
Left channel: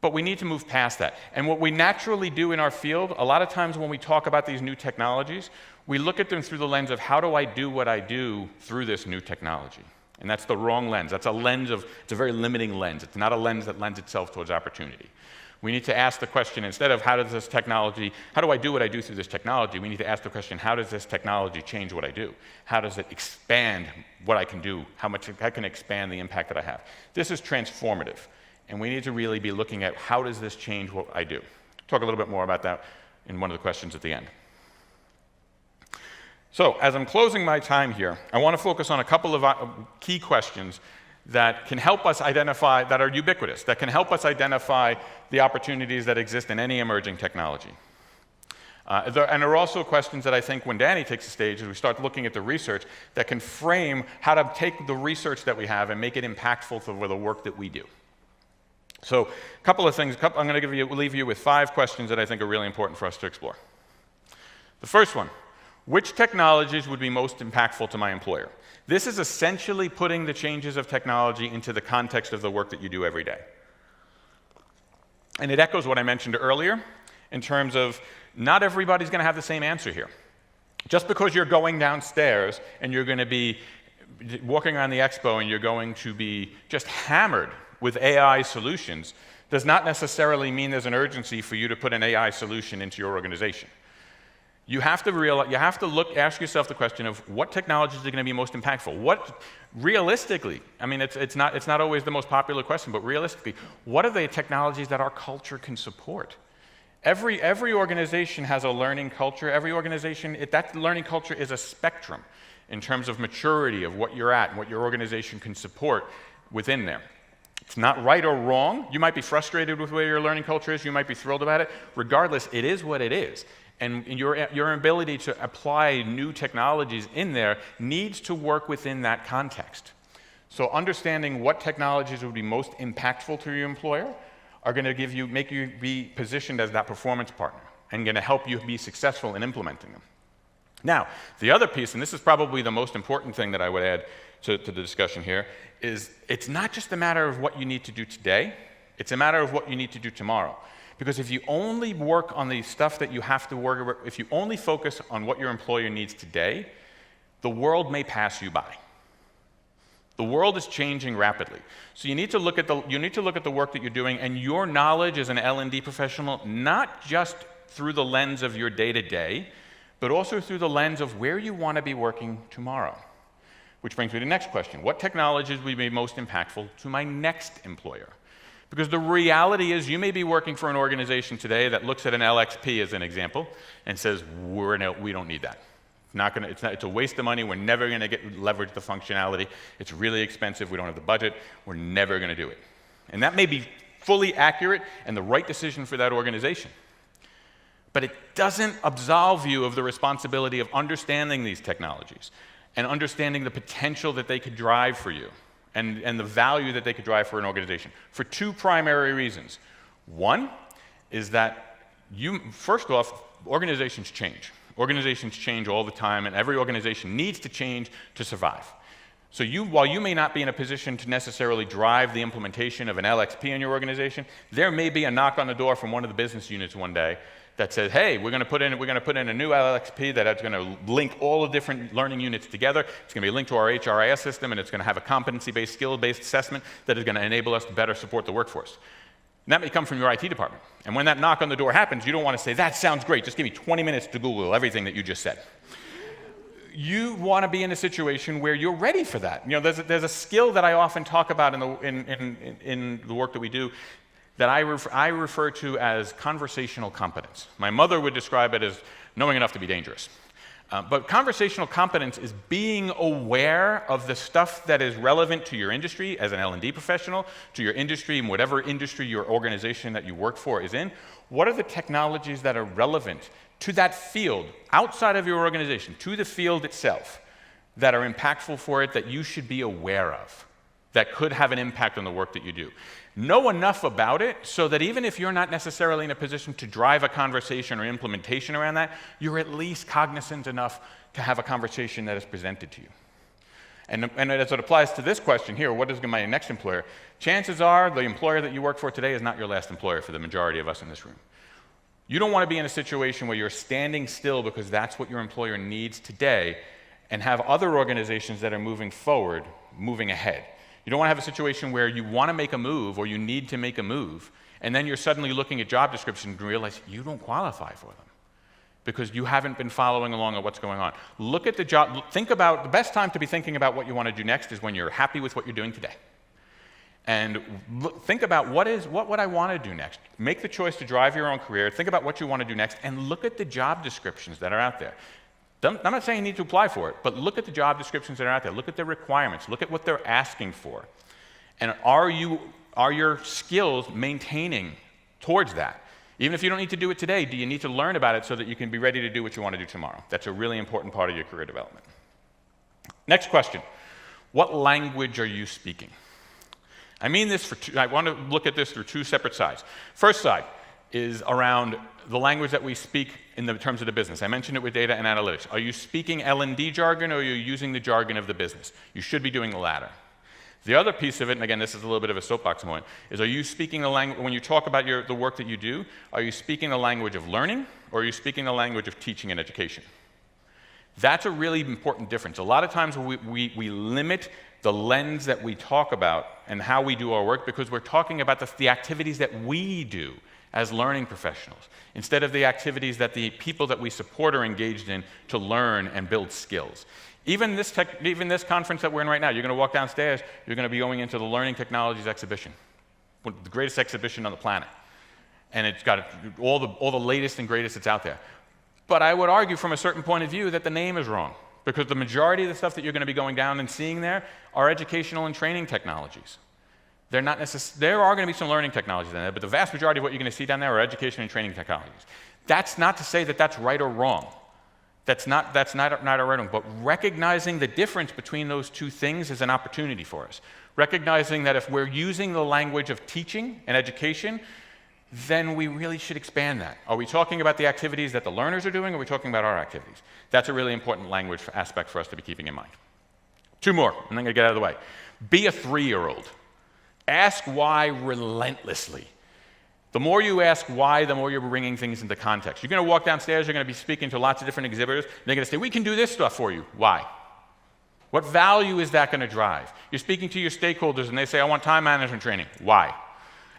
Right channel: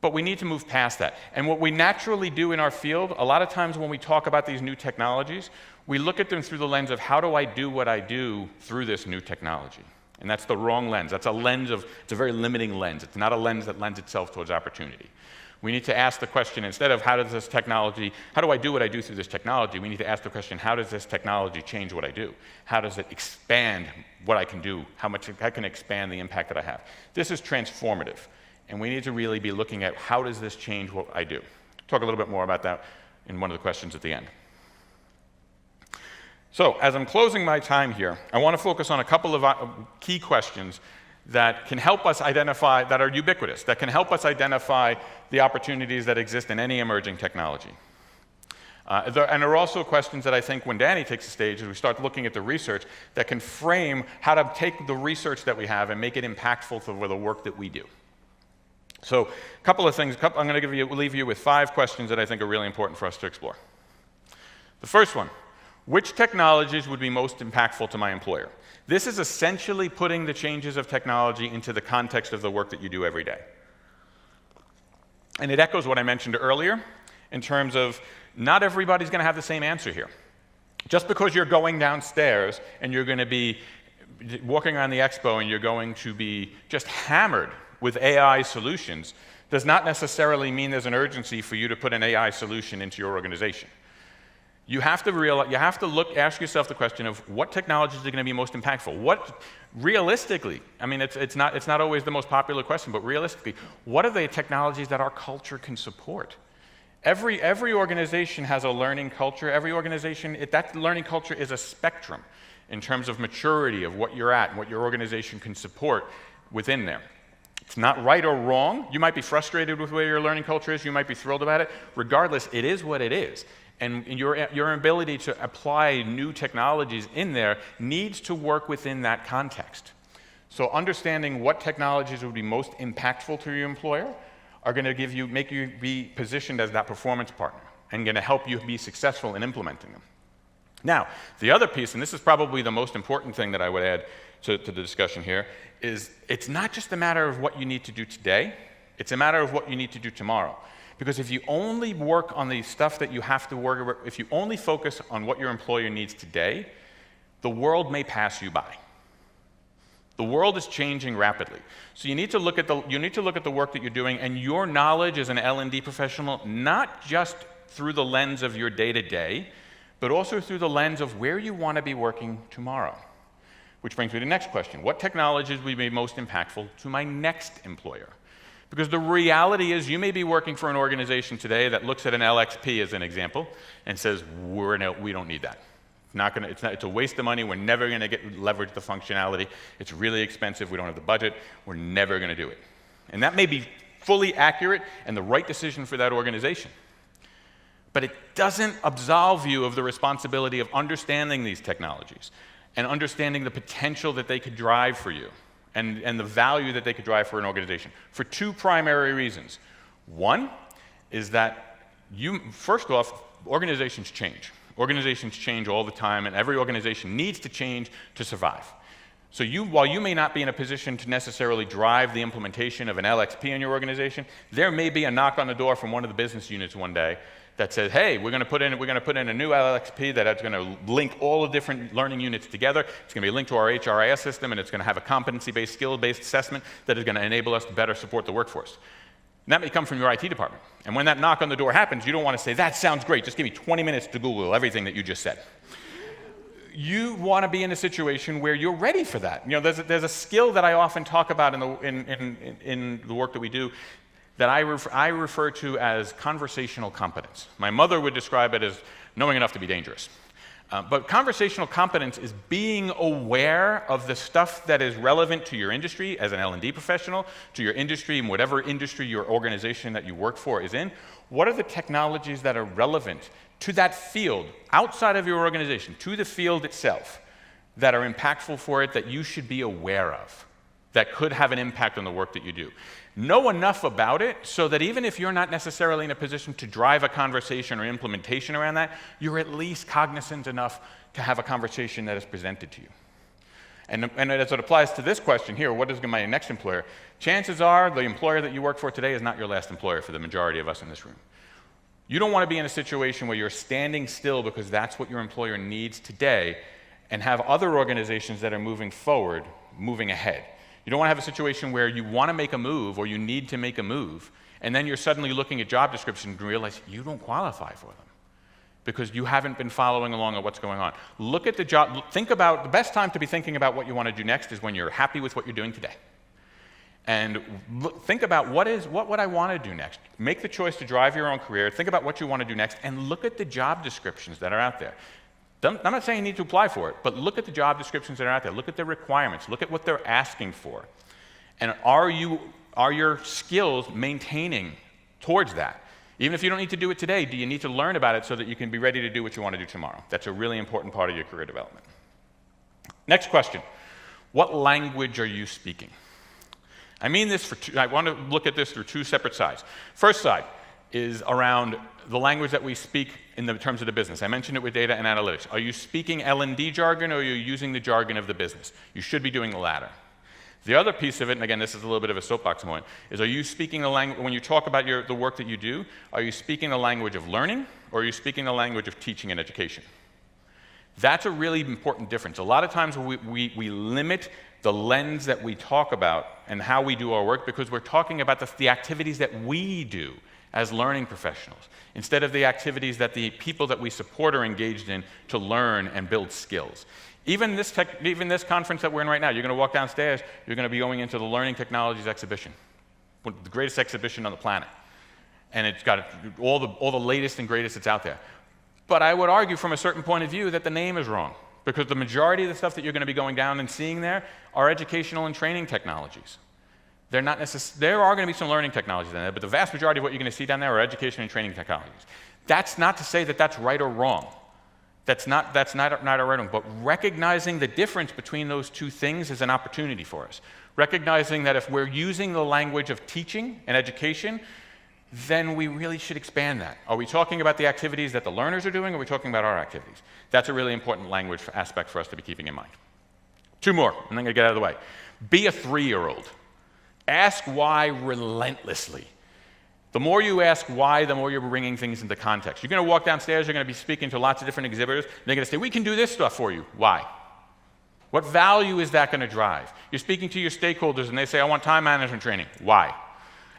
But we need to move past that. And what we naturally do in our field, a lot of times when we talk about these new technologies, we look at them through the lens of how do I do what I do through this new technology? And that's the wrong lens. It's a very limiting lens. It's not a lens that lends itself towards opportunity. We need to ask the question, instead of how do I do what I do through this technology, we need to ask the question, how does this technology change what I do? How does it expand what I can do? How can it expand the impact that I have? This is transformative, and we need to really be looking at how does this change what I do? Talk a little bit more about that in one of the questions at the end. So, as I'm closing my time here, I want to focus on a couple of key questions that can help us identify, that are ubiquitous, that can help us identify the opportunities that exist in any emerging technology. And there are also questions that I think when Danny takes the stage, as we start looking at the research, that can frame how to take the research that we have and make it impactful for the work that we do. So, a couple of things. I'm going to leave you with 5 questions that I think are really important for us to explore. The first one, which technologies would be most impactful to my employer? This is essentially putting the changes of technology into the context of the work that you do every day. And it echoes what I mentioned earlier in terms of not everybody's going to have the same answer here. Just because you're going downstairs and you're going to be walking around the expo and you're going to be just hammered with AI solutions does not necessarily mean there's an urgency for you to put an AI solution into your organization. You have to ask yourself the question of what technologies are going to be most impactful. What, realistically, I mean, it's not always the most popular question, but realistically, what are the technologies that our culture can support? Every organization has a learning culture. Every organization, that learning culture is a spectrum in terms of maturity of what you're at and what your organization can support within there. It's not right or wrong. You might be frustrated with where your learning culture is. You might be thrilled about it. Regardless, it is what it is. And your ability to apply new technologies in there needs to work within that context. So understanding what technologies would be most impactful to your employer are going to make you be positioned as that performance partner and going to help you be successful in implementing them. Now, the other piece, and this is probably the most important thing that I would add to the discussion here, is it's not just a matter of what you need to do today, it's a matter of what you need to do tomorrow. Because if you only work on the stuff that you have to work with, if you only focus on what your employer needs today, the world may pass you by. The world is changing rapidly. So you need to look at the work that you're doing and your knowledge as an L&D professional, not just through the lens of your day-to-day, but also through the lens of where you want to be working tomorrow. Which brings me to the next question. What technologies will be most impactful to my next employer? Because the reality is you may be working for an organization today that looks at an LXP as an example and says, we don't need that. It's a waste of money. We're never going to leverage the functionality. It's really expensive. We don't have the budget. We're never going to do it. And that may be fully accurate and the right decision for that organization. But it doesn't absolve you of the responsibility of understanding these technologies and understanding the potential that they could drive for you and the value that they could drive for an organization for two primary reasons. One is that first off, organizations change. Organizations change all the time, and every organization needs to change to survive. So while you may not be in a position to necessarily drive the implementation of an LXP in your organization, there may be a knock on the door from one of the business units one day that says, hey, we're going to put in a new LXP that's going to link all the different learning units together. It's going to be linked to our HRIS system, and it's going to have a competency-based, skill-based assessment that is going to enable us to better support the workforce. And that may come from your IT department. And when that knock on the door happens, you don't want to say, that sounds great, just give me 20 minutes to Google everything that you just said. You want to be in a situation where you're ready for that. You know, there's a skill that I often talk about in the work that we do that I refer to as conversational competence. My mother would describe it as knowing enough to be dangerous. But conversational competence is being aware of the stuff that is relevant to your industry as an L&D professional, to your industry and whatever industry your organization that you work for is in. What are the technologies that are relevant to that field, outside of your organization, to the field itself, that are impactful for it, that you should be aware of, that could have an impact on the work that you do? Know enough about it so that even if you're not necessarily in a position to drive a conversation or implementation around that, you're at least cognizant enough to have a conversation that is presented to you. And as it applies to this question here, what is my next employer? Chances are the employer that you work for today is not your last employer for the majority of us in this room. You don't want to be in a situation where you're standing still because that's what your employer needs today and have other organizations that are moving forward, moving ahead. You don't want to have a situation where you want to make a move or you need to make a move, and then you're suddenly looking at job descriptions and realize you don't qualify for them because you haven't been following along on what's going on. Look at the job. Think about the best time to be thinking about what you want to do next is when you're happy with what you're doing today. And think about what would I want to do next? Make the choice to drive your own career. Think about what you want to do next, and look at the job descriptions that are out there. I'm not saying you need to apply for it, but look at the job descriptions that are out there. Look at their requirements. Look at what they're asking for. And are your skills maintaining towards that? Even if you don't need to do it today, do you need to learn about it so that you can be ready to do what you want to do tomorrow? That's a really important part of your career development. Next question. What language are you speaking? I mean this I want to look at this through two separate sides. First side, is around the language that we speak in the terms of the business. I mentioned it with data and analytics. Are you speaking L&D jargon, or are you using the jargon of the business? You should be doing the latter. The other piece of it, and again, this is a little bit of a soapbox moment, is are you speaking the language, when you talk about the work that you do, are you speaking the language of learning, or are you speaking the language of teaching and education? That's a really important difference. A lot of times we limit the lens that we talk about and how we do our work because we're talking about the activities that we do as learning professionals, instead of the activities that the people that we support are engaged in to learn and build skills. Even this conference that we're in right now, you're going to walk downstairs, you're going to be going into the Learning Technologies exhibition, the greatest exhibition on the planet. And it's got all the latest and greatest that's out there. But I would argue from a certain point of view that the name is wrong, because the majority of the stuff that you're going to be going down and seeing there are educational and training technologies. They're not there are going to be some learning technologies in there, but the vast majority of what you're going to see down there are education and training technologies. That's not to say that that's right or wrong. That's not a right or wrong, but recognizing the difference between those two things is an opportunity for us. Recognizing that if we're using the language of teaching and education, then we really should expand that. Are we talking about the activities that the learners are doing, or are we talking about our activities? That's a really important language aspect for us to be keeping in mind. Two more, and I'm going to get out of the way. Be a 3-year-old. Ask why relentlessly. The more you ask why, the more you're bringing things into context. You're going to walk downstairs, you're going to be speaking to lots of different exhibitors, and they're going to say, we can do this stuff for you. Why? What value is that going to drive? You're speaking to your stakeholders, and they say, I want time management training. Why?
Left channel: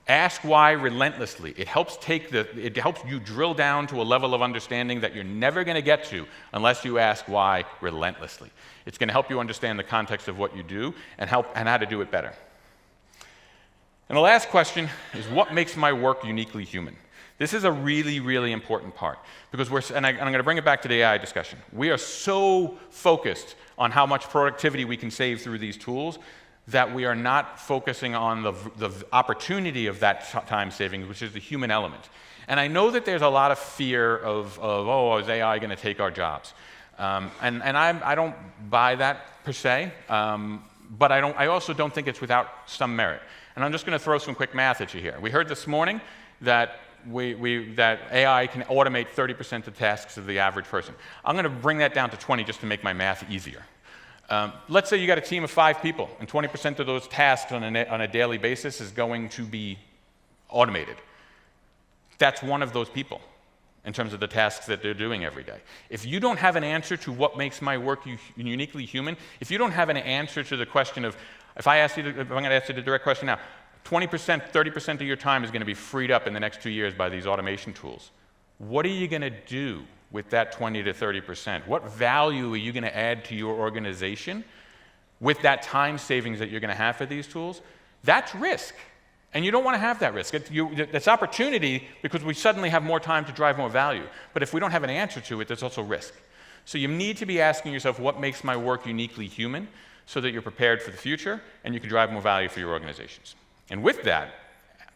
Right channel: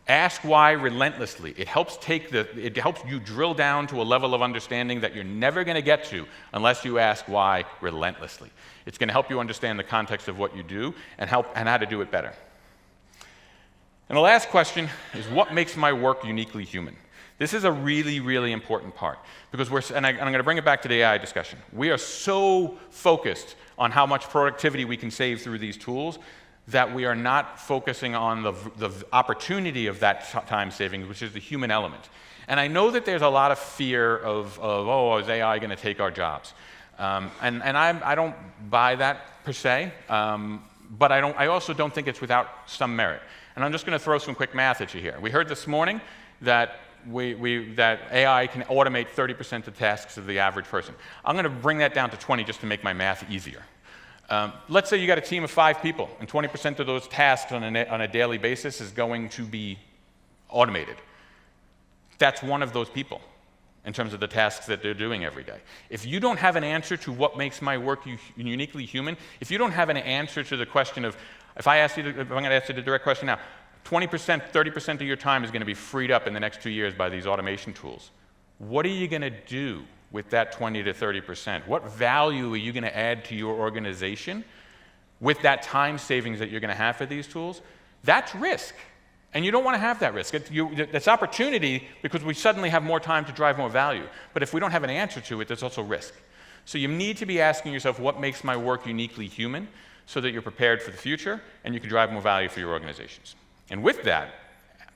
Ask why relentlessly. It helps you drill down to a level of understanding that you're never going to get to unless you ask why relentlessly. It's going to help you understand the context of what you do and how to do it better. And the last question is, what makes my work uniquely human? This is a really, really important part, because I'm going to bring it back to the AI discussion. We are so focused on how much productivity we can save through these tools that we are not focusing on the opportunity of that time savings, which is the human element. And I know that there's a lot of fear of oh, is AI going to take our jobs? And I don't buy that per se, but I also don't think it's without some merit. And I'm just going to throw some quick math at you here. We heard this morning that that AI can automate 30% of tasks of the average person. I'm going to bring that down to 20 just to make my math easier. Let's say you got a team of 5 people, and 20% of those tasks on a daily basis is going to be automated. That's one of those people in terms of the tasks that they're doing every day. If you don't have an answer to what makes my work uniquely human, if you don't have an answer to the question of, if I'm going to ask you the direct question now, 20%, 30% of your time is going to be freed up in the next 2 years by these automation tools. What are you going to do with that 20 to 30%? What value are you going to add to your organization with that time savings that you're going to have for these tools? That's risk. And you don't want to have that risk. It's opportunity because we suddenly have more time to drive more value. But if we don't have an answer to it, there's also risk. So you need to be asking yourself, what makes my work uniquely human, so that you're prepared for the future and you can drive more value for your organizations. And with that,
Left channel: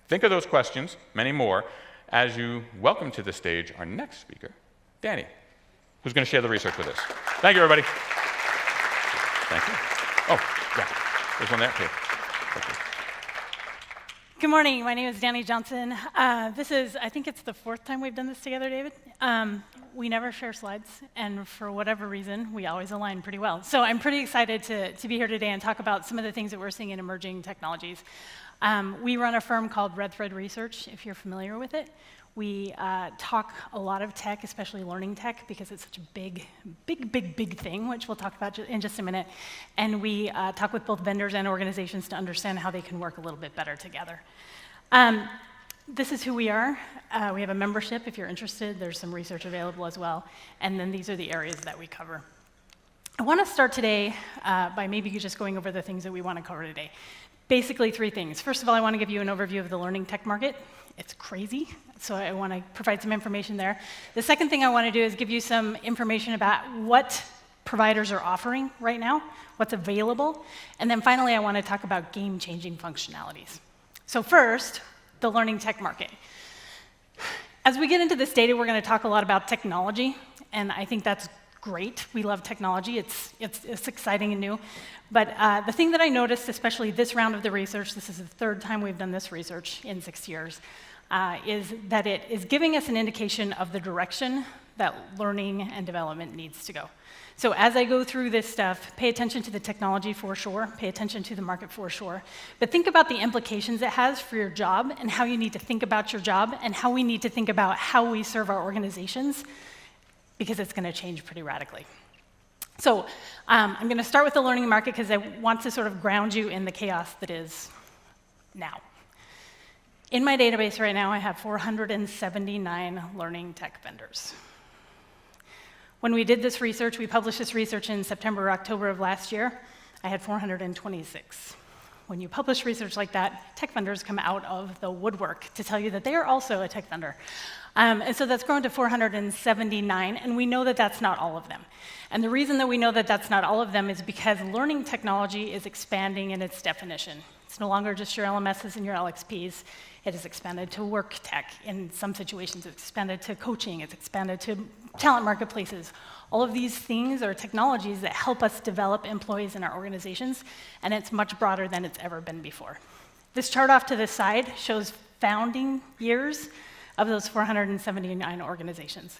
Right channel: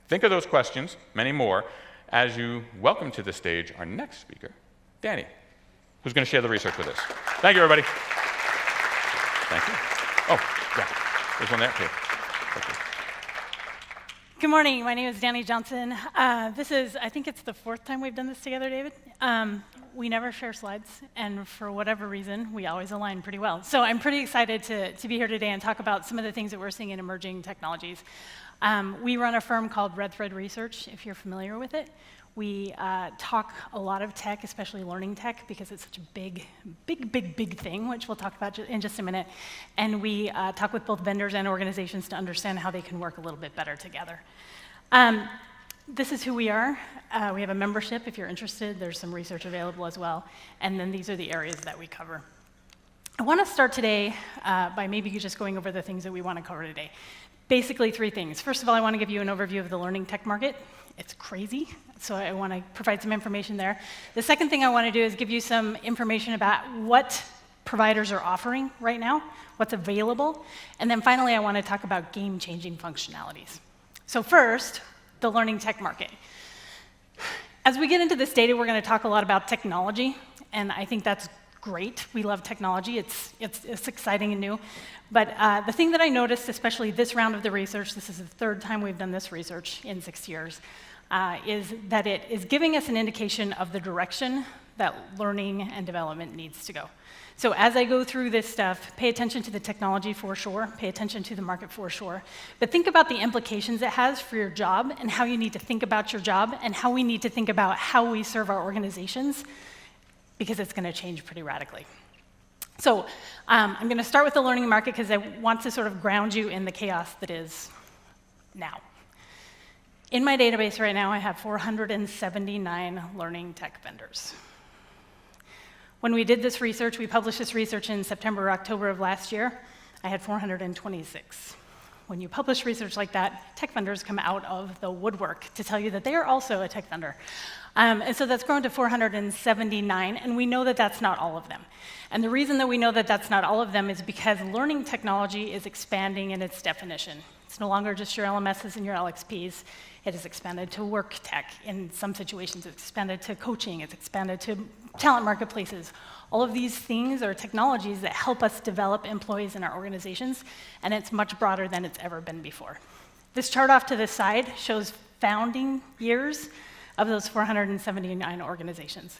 think of those questions, many more, as you welcome to the stage our next speaker, Danny, who's going to share the research with us. Thank you, everybody. Thank you. Oh, yeah. There's one there, too. Thank you. Good morning. My name is Danny Johnson. I think it's the 4th time we've done this together, David. We never share slides, and for whatever reason, we always align pretty well. So I'm pretty excited to be here today and talk about some of the things that we're seeing in emerging technologies. We run a firm called Red Thread Research, if you're familiar with it. We talk a lot of tech, especially learning tech, because it's such a big thing, which we'll talk about in just a minute. And we talk with both vendors and organizations to understand how they can work a little bit better together. This is who we are. We have a membership. If you're interested, there's some research available as well. And then these are the areas that we cover. I want to start today by maybe just going over the things that we want to cover today. Basically 3 things. First of all, I want to give you an overview of the learning tech market. It's crazy, so I want to provide some information there. The second thing I want to do is give you some information about what providers are offering right now, what's available, and then finally I want to talk about game-changing functionalities. So first, the learning tech market. As we get into this data, we're going to talk a lot about technology, and I think that's great. We love technology. It's exciting and new. But the thing that I noticed, especially this round of the research, this is the 3rd time we've done this research in 6 years, is that it is giving us an indication of the direction that learning and development needs to go. So as I go through this stuff, pay attention to the technology for sure, pay attention to the market for sure, but think about the implications it has for your job and how you need to think about your job and how we need to think about how we serve our organizations, because it's going to change pretty radically. So I'm going to start with the learning market because I want to sort of ground you in the chaos that is now. In my database right now, I have 479 learning tech vendors. When we did this research, we published this research in September or October of last year, I had 426. When you publish research like that, tech vendors come out of the woodwork to tell you that they are also a tech vendor. And so that's grown to 479, and we know that that's not all of them. And the reason that we know that that's not all of them is because learning technology is expanding in its definition. It's no longer just your LMSs and your LXPs. It has expanded to work tech. In some situations, it's expanded to coaching. It's expanded to talent marketplaces. All of these things are technologies that help us develop employees in our organizations, and it's much broader than it's ever been before. This chart off to the side shows founding years of those 479 organizations.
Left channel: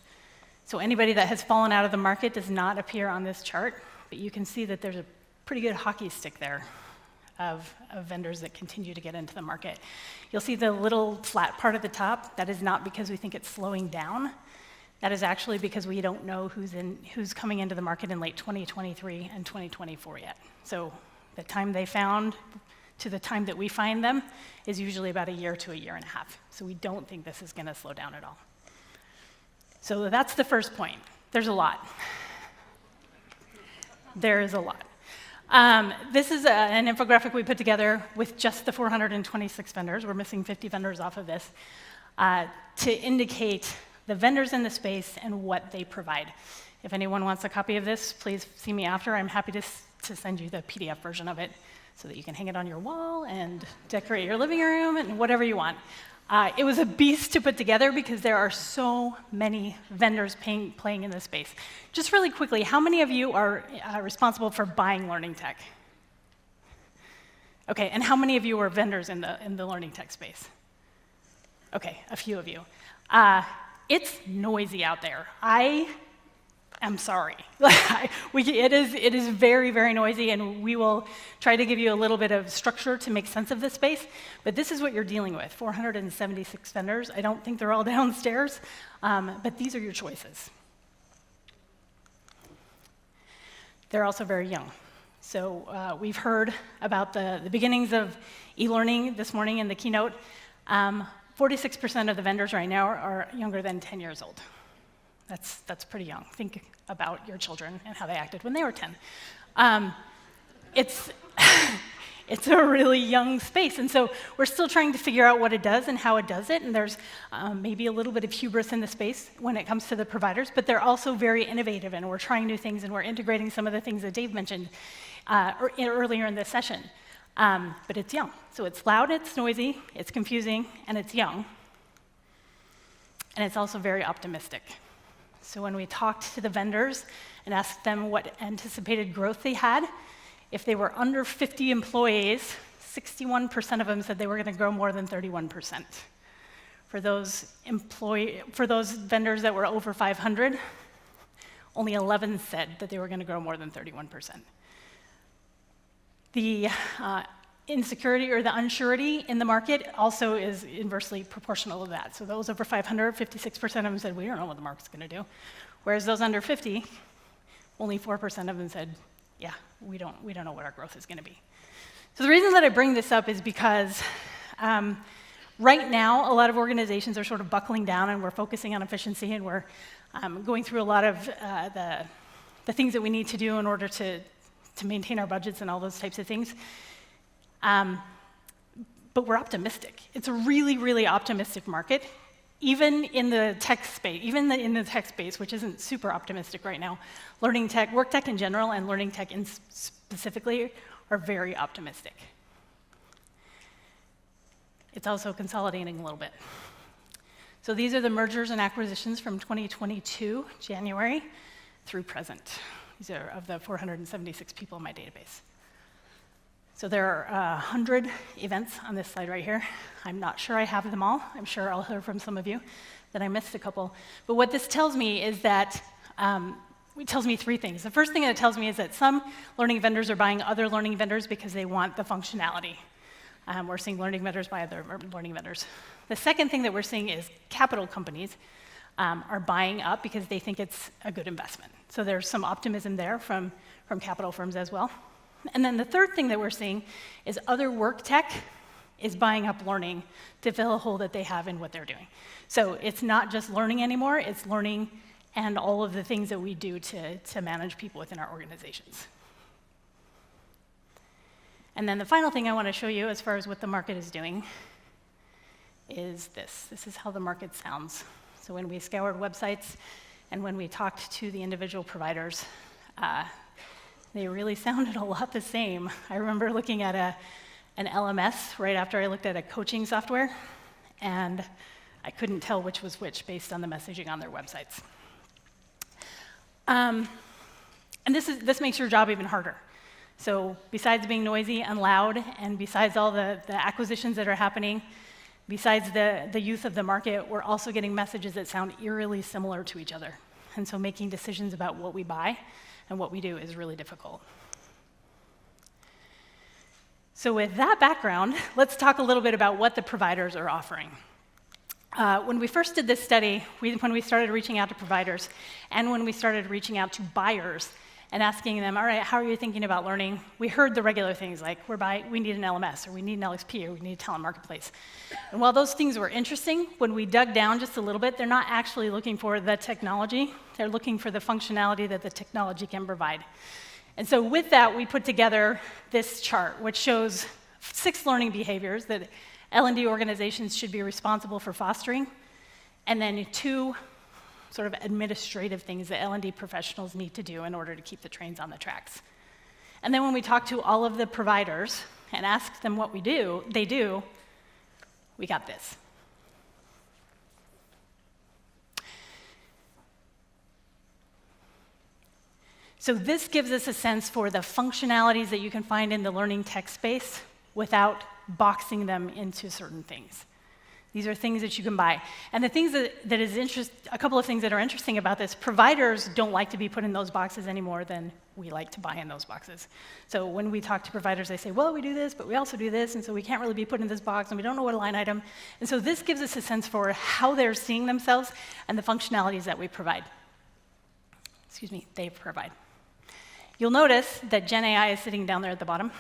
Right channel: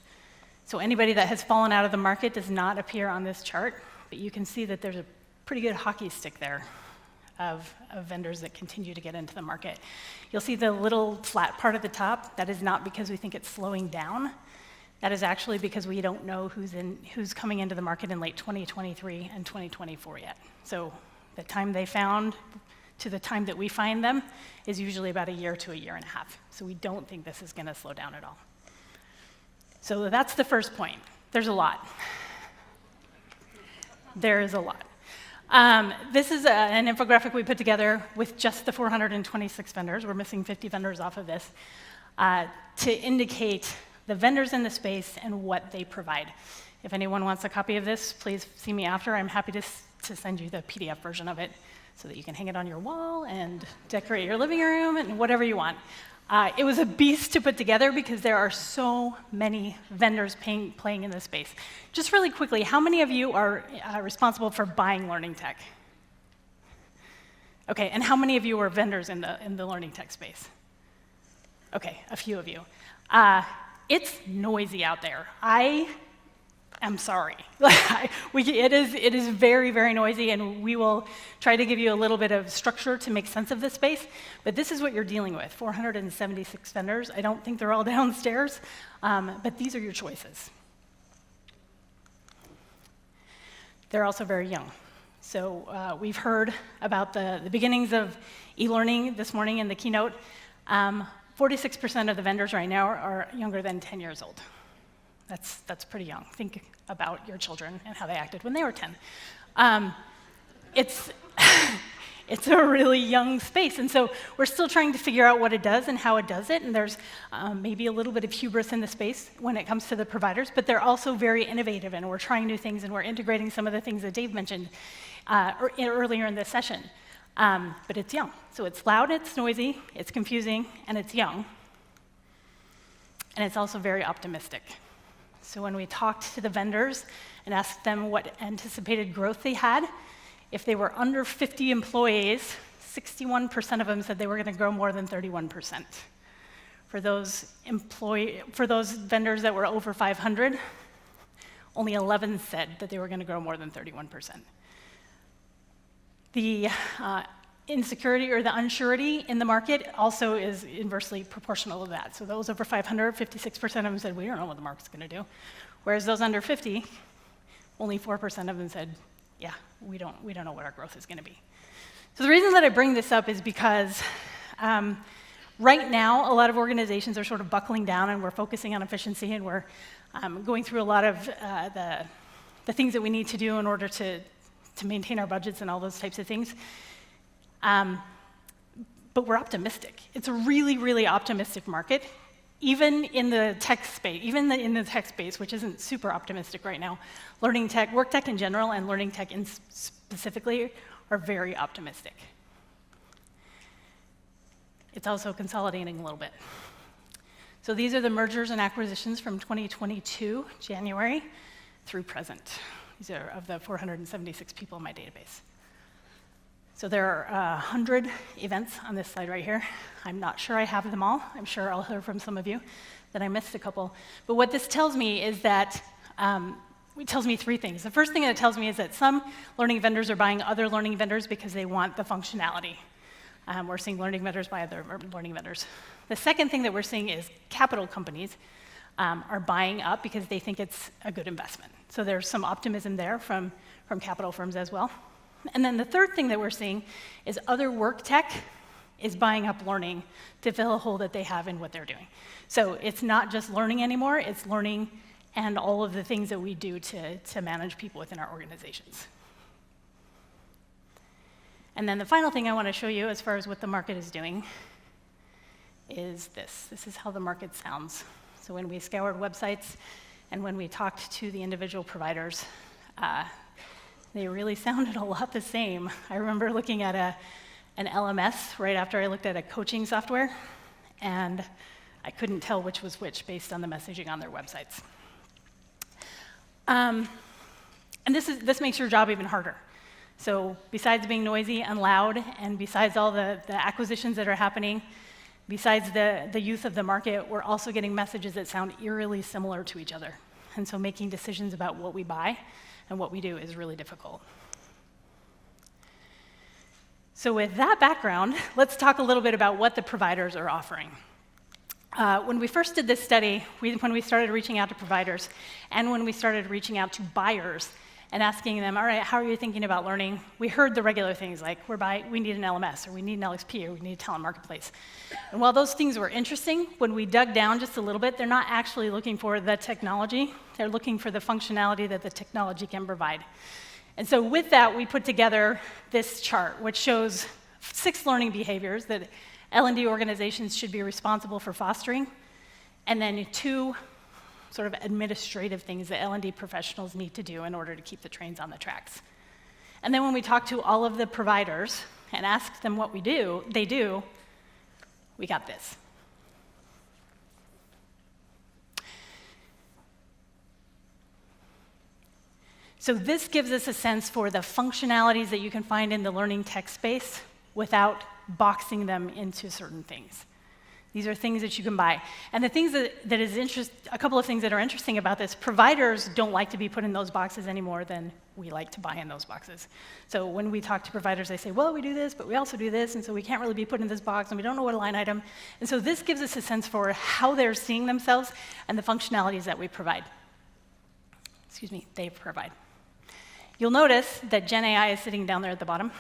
So anybody that has fallen out of the market does not appear on this chart, but you can see that there's a pretty good hockey stick there of vendors that continue to get into the market. You'll see the little flat part at the top. That is not because we think it's slowing down. That is actually because we don't know who's coming into the market in late 2023 and 2024 yet. So the time they found to the time that we find them is usually about a year to a year and a half. So we don't think this is going to slow down at all. So that's the first point. There's a lot. There is a lot. This is an infographic we put together with just the 426 vendors. We're missing 50 vendors off of this to indicate the vendors in the space and what they provide. If anyone wants a copy of this, please see me after. I'm happy to send you the PDF version of it so that you can hang it on your wall and decorate your living room and whatever you want. It was a beast to put together because there are so many vendors playing in this space. Just really quickly, how many of you are responsible for buying learning tech? Okay, and how many of you are vendors in the learning tech space? Okay, a few of you. It's noisy out there. I'm sorry. It is very, very noisy, and we will try to give you a little bit of structure to make sense of this space, but this is what you're dealing with, 476 vendors. I don't think they're all downstairs, but these are your choices. They're also very young. So we've heard about the beginnings of e-learning this morning in the keynote. 46% of the vendors right now are younger than 10 years old. That's pretty young. Think about your children and how they acted when they were 10. It's a really young space, and so we're still trying to figure out what it does and how it does it, and there's maybe a little bit of hubris in the space when it comes to the providers, but they're also very innovative, and we're trying new things, and we're integrating some of the things that Dave mentioned earlier in this session. But it's young. So it's loud, it's noisy, it's confusing, and it's young. And it's also very optimistic. So when we talked to the vendors and asked them what anticipated growth they had, if they were under 50 employees, 61% of them said they were going to grow more than 31%. For those vendors that were over 500, only 11 said that they were going to grow more than 31%. The insecurity or the unsurety in the market also is inversely proportional to that. So those over 500, 56% of them said, we don't know what the market's going to do. Whereas those under 50, only 4% of them said, yeah, we don't know what our growth is going to be. So the reason that I bring this up is because right now, a lot of organizations are sort of buckling down and we're focusing on efficiency and we're going through a lot of the things that we need to do in order to maintain our budgets and all those types of things. But we're optimistic. It's a really, really optimistic market, even in the tech space, in the tech space, which isn't super optimistic right now. Learning tech, work tech in general, and learning tech specifically are very optimistic. It's also consolidating a little bit. So these are the mergers and acquisitions from 2022, January, through present. These are of the 476 people in my database. So there are 100 events on this slide right here. I'm not sure I have them all. I'm sure I'll hear from some of you that I missed a couple. But what this tells me is that, it tells me three things. The first thing it tells me is that some learning vendors are buying other learning vendors because they want the functionality. We're seeing learning vendors buy other learning vendors. The second thing that we're seeing is capital companies are buying up because they think it's a good investment. So there's some optimism there from capital firms as well. And then the third thing that we're seeing is other work tech is buying up learning to fill a hole that they have in what they're doing. So it's not just learning anymore, it's learning and all of the things that we do to manage people within our organizations. And then the final thing I want to show you as far as what the market is doing is this. This is how the market sounds. So when we scoured websites and when we talked to the individual providers, they really sounded a lot the same. I remember looking at an LMS right after I looked at a coaching software, and I couldn't tell which was which based on the messaging on their websites. And this makes your job even harder. So besides being noisy and loud, and besides all the acquisitions that are happening, besides the youth of the market, we're also getting messages that sound eerily similar to each other. And so making decisions about what we buy and what we do is really difficult. So with that background, let's talk a little bit about what the providers are offering. When we first did this study, when we started reaching out to providers, and when we started reaching out to buyers and asking them, all right, how are you thinking about learning? We heard the regular things like, we need an LMS, or we need an LXP, or we need a talent marketplace. And while those things were interesting, when we dug down just a little bit, they're not actually looking for the technology. They're looking for the functionality that the technology can provide. And so with that, we put together this chart, which shows 6 learning behaviors that L&D organizations should be responsible for fostering, and then 2 sort of administrative things that L&D professionals need to do in order to keep the trains on the tracks. And then when we talk to all of the providers and ask them what they do, we got this. So this gives us a sense for the functionalities that you can find in the learning tech space without boxing them into certain things. These are things that you can buy. And the things a couple of things that are interesting about this, providers don't like to be put in those boxes any more than we like to buy in those boxes. So when we talk to providers, they say, well, we do this, but we also do this, and so we can't really be put in this box, and we don't know what a line item. And so this gives us a sense for how they're seeing themselves and the functionalities that we provide. They provide. You'll notice that Gen AI is sitting down there at the bottom,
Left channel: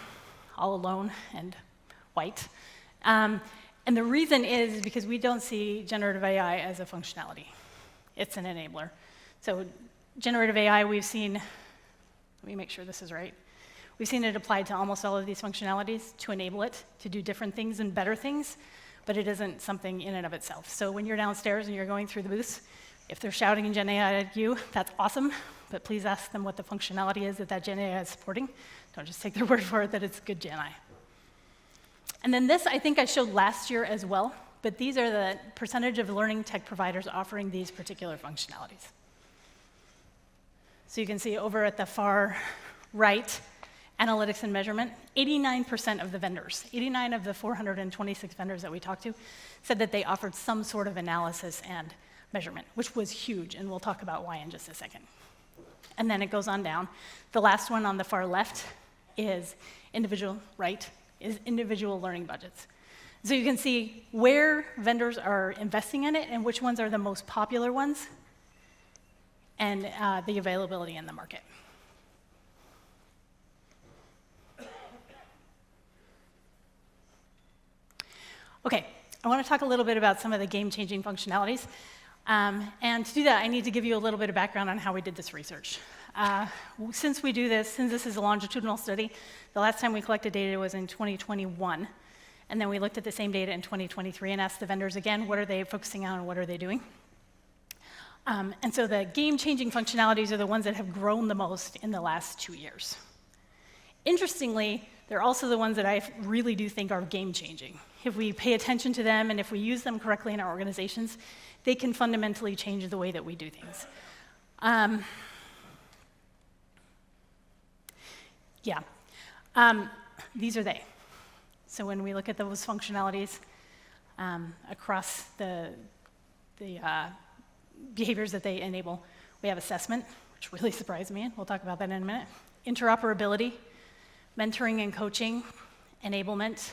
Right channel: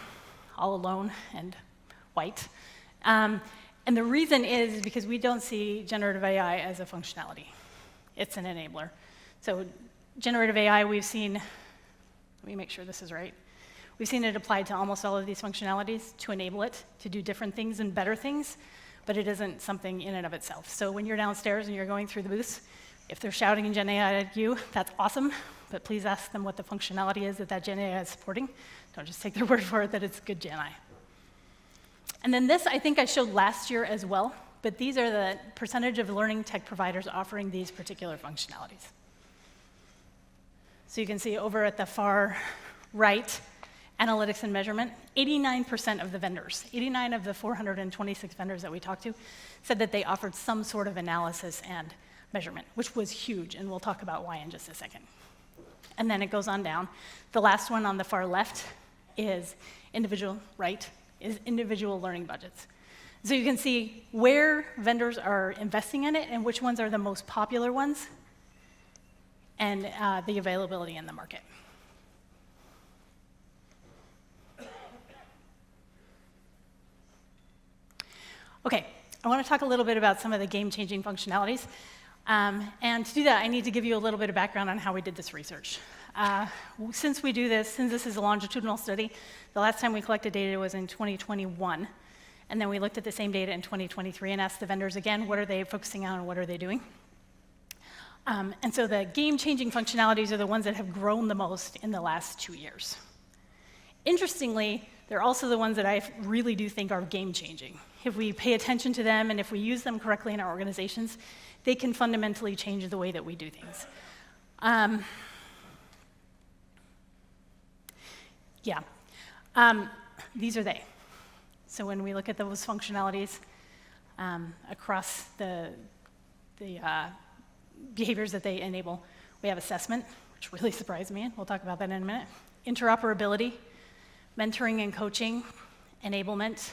all alone and white. And the reason is because we don't see generative AI as a functionality. It's an enabler. So generative AI, we've seen, let me make sure this is right. We've seen it applied to almost all of these functionalities to enable it to do different things and better things, but it isn't something in and of itself. So when you're downstairs and you're going through the booths, if they're shouting in Gen AI at you, that's awesome, but please ask them what the functionality is that Gen AI is supporting. Don't just take their word for it that it's good Gen AI. And then this, I think I showed last year as well, but these are the percentage of learning tech providers offering these particular functionalities. So you can see over at the far right, analytics and measurement, 89% of the vendors, 89 of the 426 vendors that we talked to, said that they offered some sort of analysis and measurement, which was huge, and we'll talk about why in just a second. And then it goes on down. The last one on the far left is individual learning budgets. So you can see where vendors are investing in it and which ones are the most popular ones, and the availability in the market. Okay, I want to talk a little bit about some of the game-changing functionalities. And to do that, I need to give you a little bit of background on how we did this research. Since this is a longitudinal study, the last time we collected data was in 2021, and then we looked at the same data in 2023 and asked the vendors again, what are they focusing on and what are they doing? And so the game-changing functionalities are the ones that have grown the most in the last 2 years. Interestingly, they're also the ones that I really do think are game-changing. If we pay attention to them and if we use them correctly in our organizations, they can fundamentally change the way that we do things. these are they. So when we look at those functionalities across the behaviors that they enable, we have assessment, which really surprised me, and we'll talk about that in a minute. Interoperability, mentoring and coaching, enablement,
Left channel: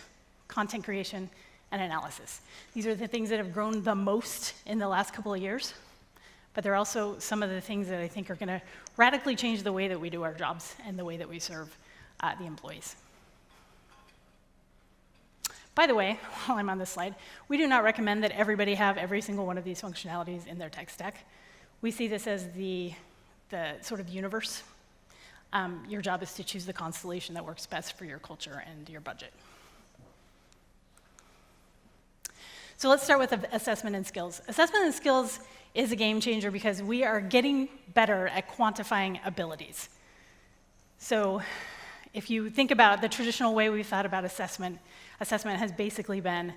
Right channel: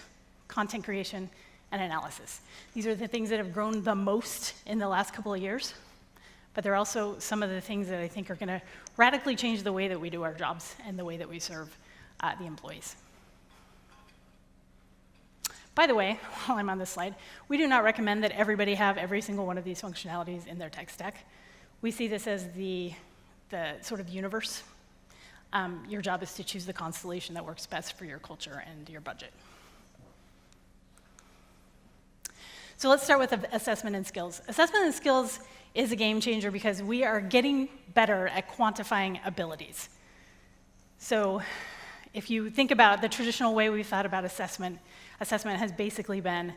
content creation, and analysis. These are the things that have grown the most in the last couple of years, but they're also some of the things that I think are going to radically change the way that we do our jobs and the way that we serve the employees. By the way, while I'm on this slide, we do not recommend that everybody have every single one of these functionalities in their tech stack. We see this as the sort of universe. Your job is to choose the constellation that works best for your culture and your budget. So let's start with assessment and skills. Assessment and skills is a game changer because we are getting better at quantifying abilities. So if you think about the traditional way we've thought about assessment, assessment has basically been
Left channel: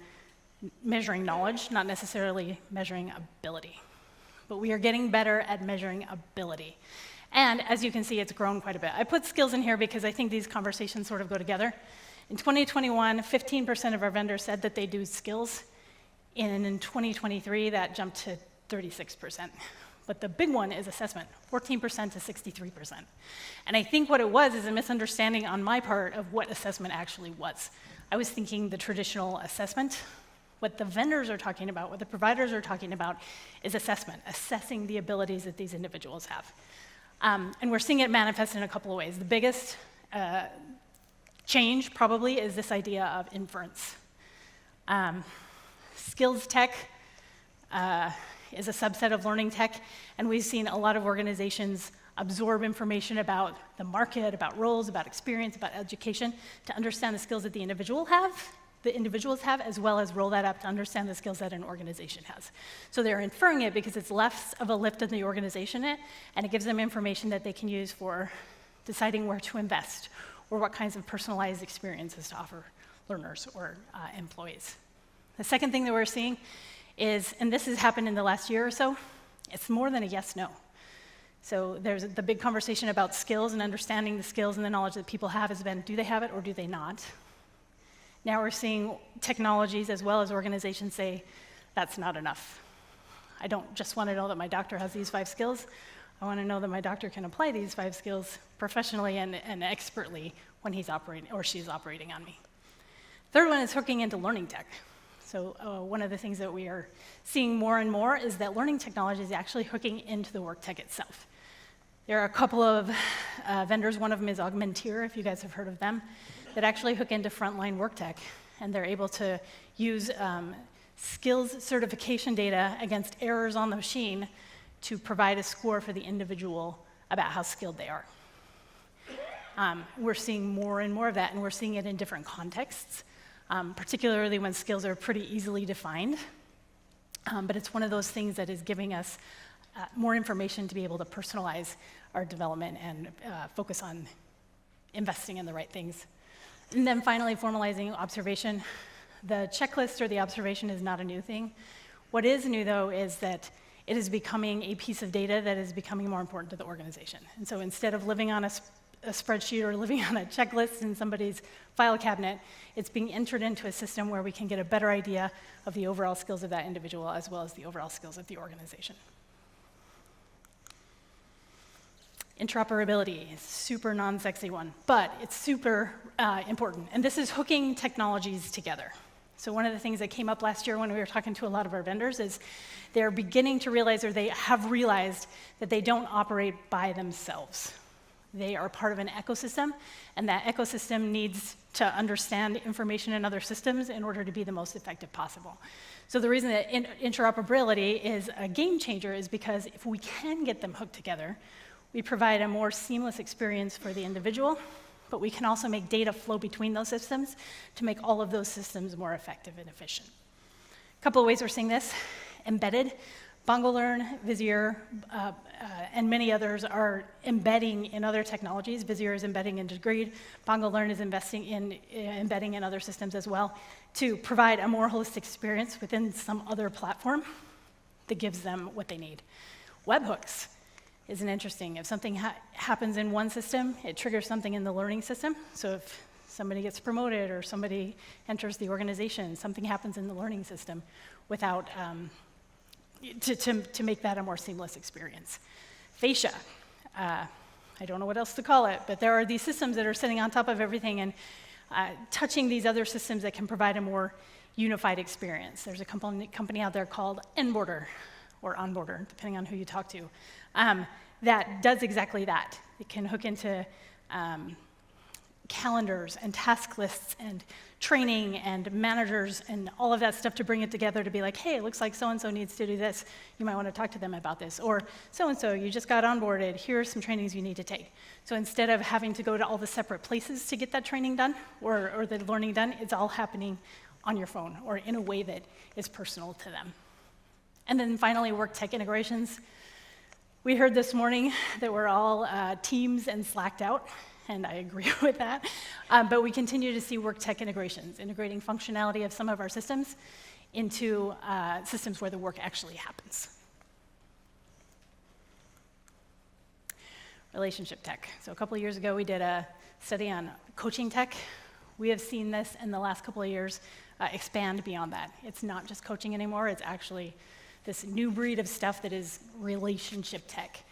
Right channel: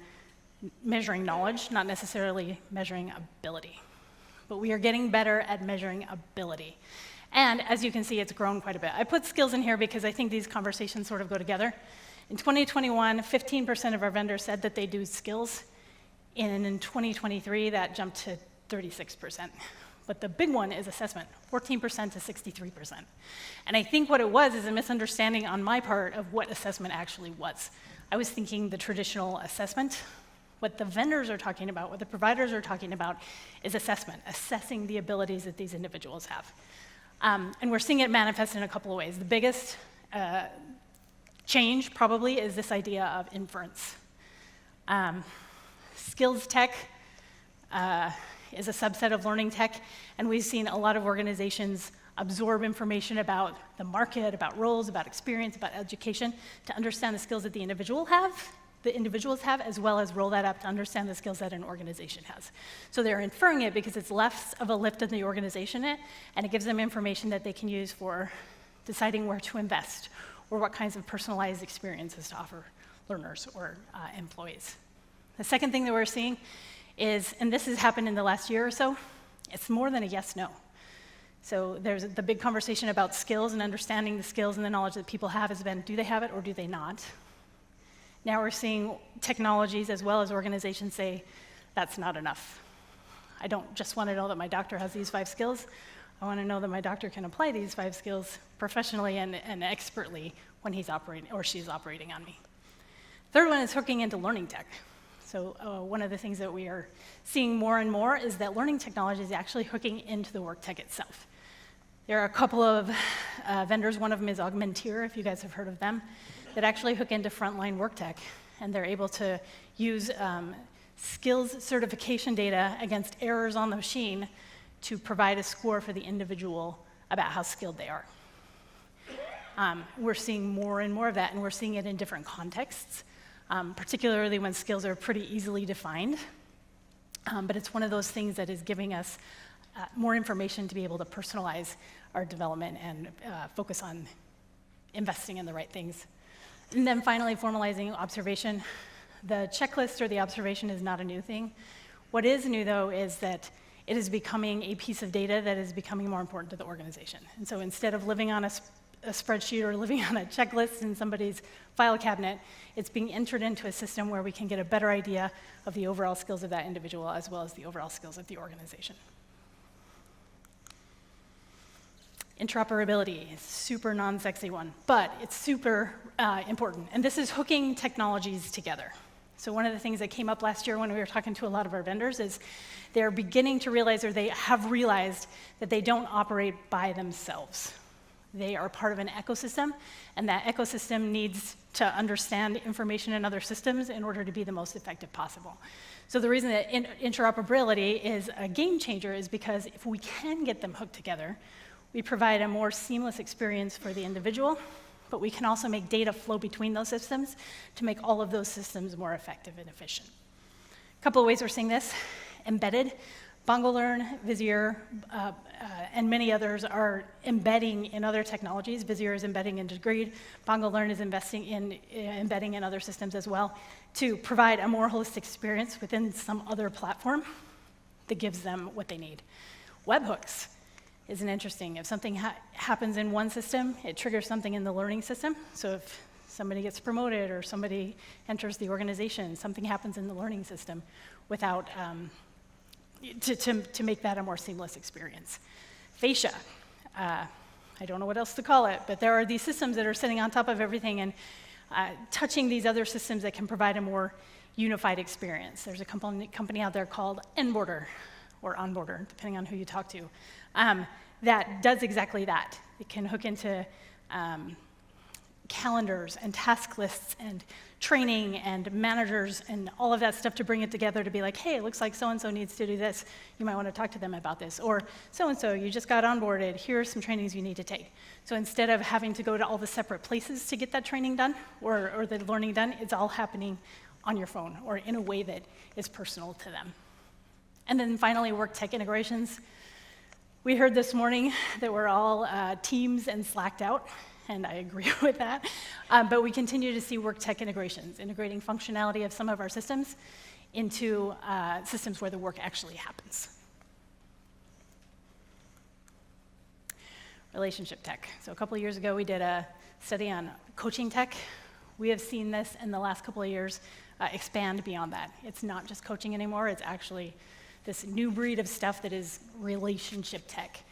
measuring knowledge, not necessarily measuring ability. But we are getting better at measuring ability. And as you can see, it's grown quite a bit. I put skills in here because I think these conversations sort of go together. In 2021, 15% of our vendors said that they do skills. And in 2023, that jumped to 36%. But the big one is assessment, 14% to 63%. And I think what it was is a misunderstanding on my part of what assessment actually was. I was thinking the traditional assessment. What the vendors are talking about, what the providers are talking about is assessment, assessing the abilities that these individuals have. And we're seeing it manifest in a couple of ways. The biggest change probably is this idea of inference. Skills tech is a subset of learning tech, and we've seen a lot of organizations absorb information about the market, about roles, about experience, about education, to understand the skills that the individuals have, as well as roll that up to understand the skills that an organization has. So they're inferring it because it's less of a lift in the organization, and it gives them information that they can use for deciding where to invest or what kinds of personalized experiences to offer learners or employees. The second thing that we're seeing is, and this has happened in the last year or so, it's more than a yes-no. So there's the big conversation about skills and understanding the skills and the knowledge that people have has been, do they have it or do they not? Now we're seeing technologies as well as organizations say, that's not enough. I don't just want to know that my doctor has these 5 skills. I want to know that my doctor can apply these 5 skills professionally and expertly when he's operating or she's operating on me. Third one is hooking into learning tech. So one of the things that we are seeing more and more is that learning technology is actually hooking into the work tech itself. There are a couple of vendors, one of them is Augmenteer, if you guys have heard of them, that actually hook into frontline work tech, and they're able to use skills certification data against errors on the machine to provide a score for the individual about how skilled they are. We're seeing more and more of that, and we're seeing it in different contexts, particularly when skills are pretty easily defined. But it's one of those things that is giving us more information to be able to personalize our development and focus on investing in the right things. And then finally, formalizing observation. The checklist or the observation is not a new thing. What is new, though, is that it is becoming a piece of data that is becoming more important to the organization. And so instead of living on a spreadsheet or living on a checklist in somebody's file cabinet, it's being entered into a system where we can get a better idea of the overall skills of that individual as well as the overall skills of the organization. Interoperability is super non-sexy one, but it's super important. And this is hooking technologies together. So one of the things that came up last year when we were talking to a lot of our vendors is they're beginning to realize, or they have realized, that they don't operate by themselves. They are part of an ecosystem, and that ecosystem needs to understand information in other systems in order to be the most effective possible. So the reason that interoperability is a game changer is because if we can get them hooked together, we provide a more seamless experience for the individual, but we can also make data flow between those systems to make all of those systems more effective and efficient. A couple of ways we're seeing this. Embedded. BongoLearn, Visier, and many others are embedding in other technologies. Visier is embedding in Degreed. BongoLearn is embedding in other systems as well to provide a more holistic experience within some other platform that gives them what they need. Webhooks is an interesting. If something happens in one system, it triggers something in the learning system. So if somebody gets promoted or somebody enters the organization, something happens in the learning system without, to make that a more seamless experience. Fascia, I don't know what else to call it, but there are these systems that are sitting on top of everything and touching these other systems that can provide a more unified experience. There's a company out there called Onboarder, or Onboarder, depending on who you talk to, that does exactly that. It can hook into calendars and task lists and training and managers and all of that stuff to bring it together to be like, hey, it looks like so-and-so needs to do this. You might want to talk to them about this. Or so-and-so, you just got onboarded. Here are some trainings you need to take. So instead of having to go to all the separate places to get that training done or the learning done, it's all happening on your phone or in a way that is personal to them. And then finally, work tech integrations. We heard this morning that we're all Teams and Slacked out, and I agree with that. But we continue to see work tech integrations, integrating functionality of some of our systems into systems where the work actually happens. Relationship tech. So a couple of years ago, we did a study on coaching tech. We have seen this in the last couple of years expand beyond that. It's not just coaching anymore, it's actually this new breed of stuff that is relationship tech.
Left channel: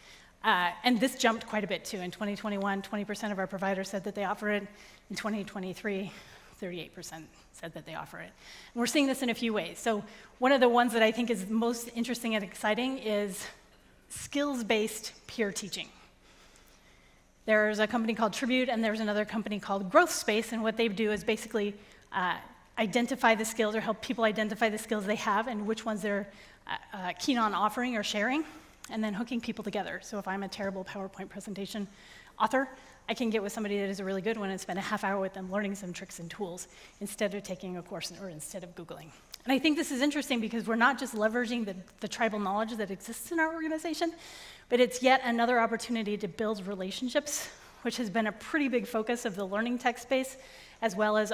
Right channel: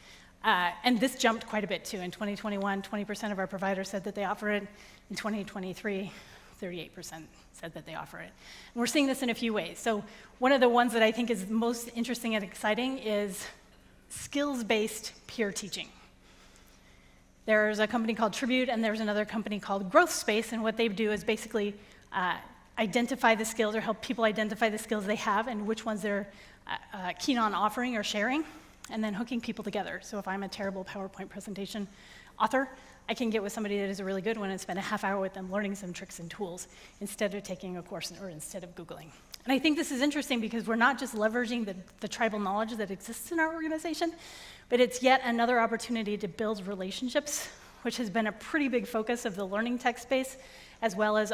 And this jumped quite a bit too. In 2021, 20% of our providers said that they offer it. In 2023, 38% said that they offer it. And we're seeing this in a few ways. So one of the ones that I think is most interesting and exciting is skills-based peer teaching. There's a company called Tribute, and there's another company called Growth Space, and what they do is basically identify the skills or help people identify the skills they have and which ones they're keen on offering or sharing, and then hooking people together. So if I'm a terrible PowerPoint presentation author, I can get with somebody that is a really good one and spend a half hour with them learning some tricks and tools instead of taking a course or instead of Googling. And I think this is interesting because we're not just leveraging the tribal knowledge that exists in our organization, but it's yet another opportunity to build relationships, which has been a pretty big focus of the learning tech space, as well as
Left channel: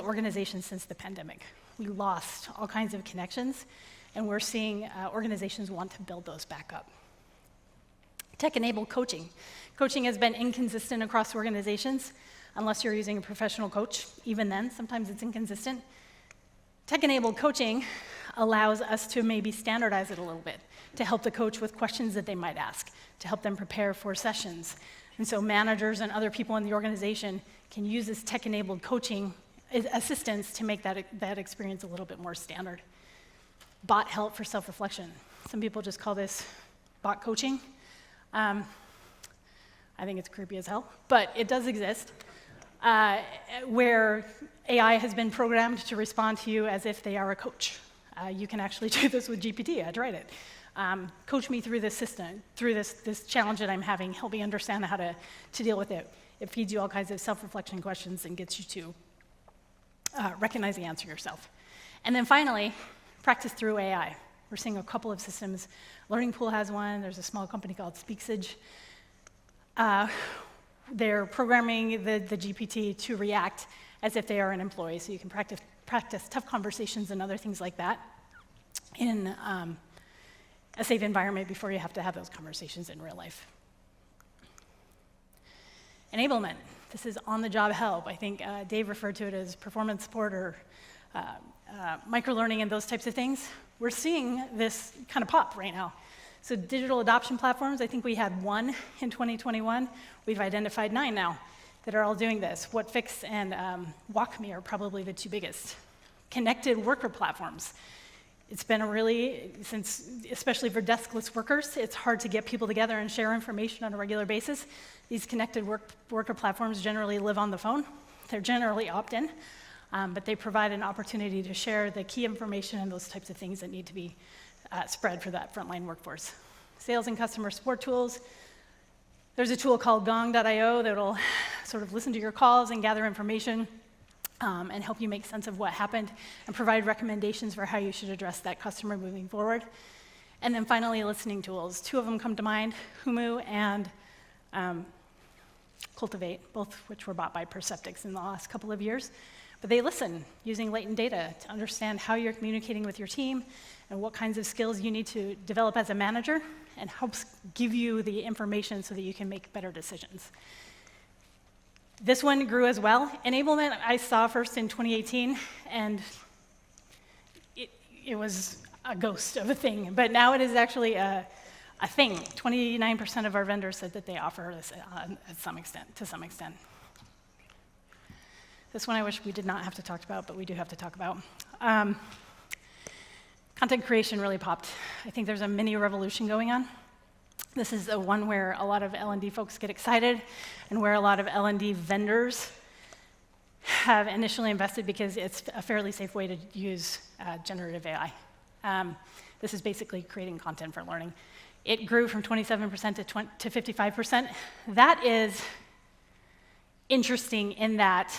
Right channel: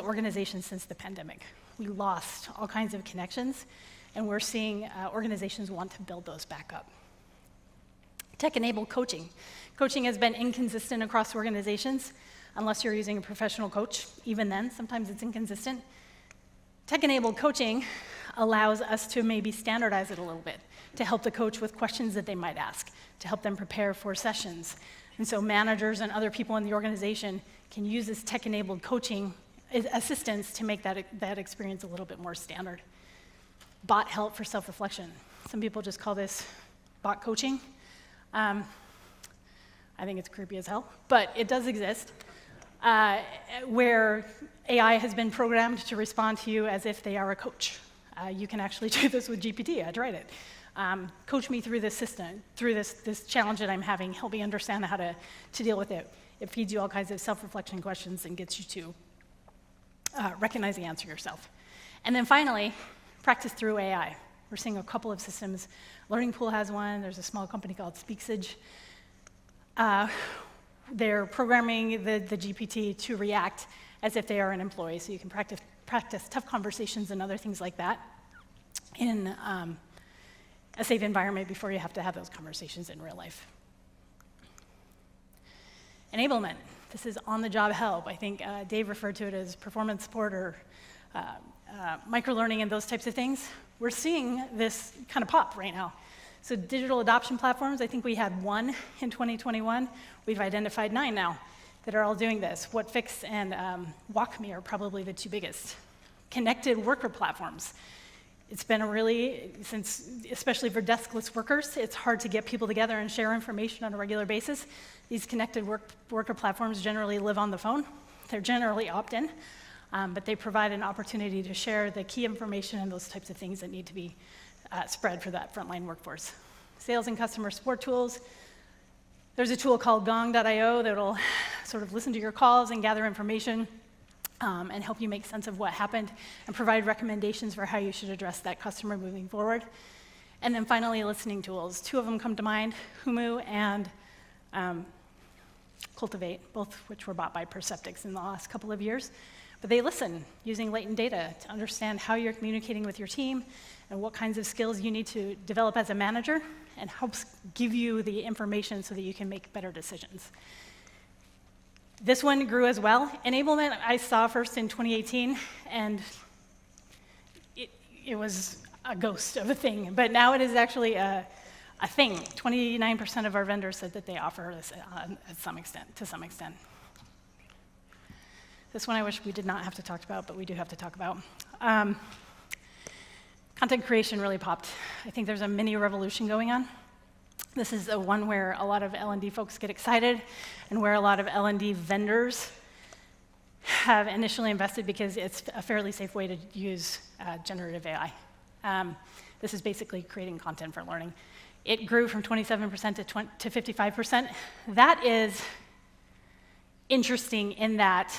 organizations since the pandemic. We lost all kinds of connections, and we're seeing organizations want to build those back up. Tech-enabled coaching. Coaching has been inconsistent across organizations, unless you're using a professional coach. Even then, sometimes it's inconsistent. Tech-enabled coaching allows us to maybe standardize it a little bit, to help the coach with questions that they might ask, to help them prepare for sessions. And so managers and other people in the organization can use this tech-enabled coaching assistance to make that experience a little bit more standard. Bot help for self-reflection. Some people just call this bot coaching. I think it's creepy as hell, but it does exist, where AI has been programmed to respond to you as if they are a coach. You can actually do this with GPT. I tried it. Coach me through this system, through this challenge that I'm having. Help me understand how to deal with it. It feeds you all kinds of self-reflection questions and gets you to recognize the answer yourself. And then finally, practice through AI. We're seeing a couple of systems. Learning Pool has one. There's a small company called Speaksage. They're programming the GPT to react as if they are an employee, so you can practice tough conversations and other things like that in a safe environment before you have to have those conversations in real life. Enablement. This is on-the-job help. I think Dave referred to it as performance support or microlearning and those types of things. We're seeing this kind of pop right now. So digital adoption platforms, I think we had 1 in 2021. We've identified 9 now that are all doing this. WhatFix and WalkMe are probably the 2 biggest. Connected worker platforms. It's been especially for deskless workers, it's hard to get people together and share information on a regular basis. These connected worker platforms generally live on the phone. They're generally opt-in, but they provide an opportunity to share the key information and those types of things that need to be spread for that frontline workforce. Sales and customer support tools. There's a tool called gong.io that'll sort of listen to your calls and gather information and help you make sense of what happened and provide recommendations for how you should address that customer moving forward. And then finally, listening tools. 2 of them come to mind, Humu and Cultivate, both which were bought by Perceptics in the last couple of years. But they listen using latent data to understand how you're communicating with your team and what kinds of skills you need to develop as a manager, and helps give you the information so that you can make better decisions. This one grew as well. Enablement I saw first in 2018, and it was a ghost of a thing, but now it is actually a thing. 29% of our vendors said that they offer this to some extent. This one I wish we did not have to talk about, but we do have to talk about. Content creation really popped. I think there's a mini revolution going on. This is a one where a lot of L&D folks get excited and where a lot of L&D vendors have initially invested because it's a fairly safe way to use generative AI. This is basically creating content for learning. It grew from 27% to 55%. That is interesting in that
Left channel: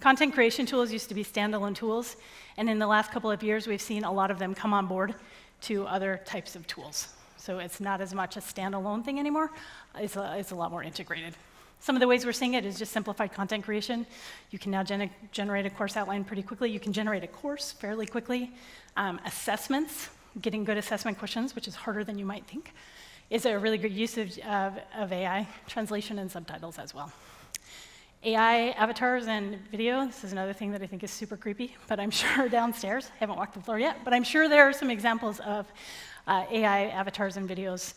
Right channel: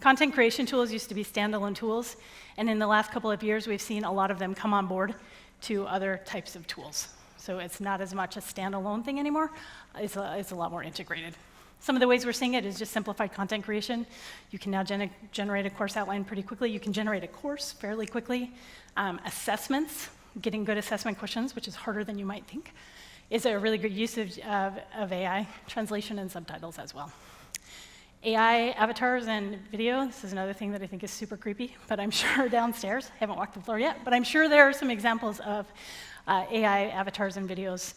content creation tools used to be standalone tools, and in the last couple of years, we've seen a lot of them come on board to other types of tools. So it's not as much a standalone thing anymore. It's a lot more integrated. Some of the ways we're seeing it is just simplified content creation. You can now generate a course outline pretty quickly. You can generate a course fairly quickly. Assessments, getting good assessment questions, which is harder than you might think, is a really good use of AI, translation and subtitles as well. AI avatars and video, this is another thing that I think is super creepy, but I'm sure downstairs, I haven't walked the floor yet, but I'm sure there are some examples of AI avatars and videos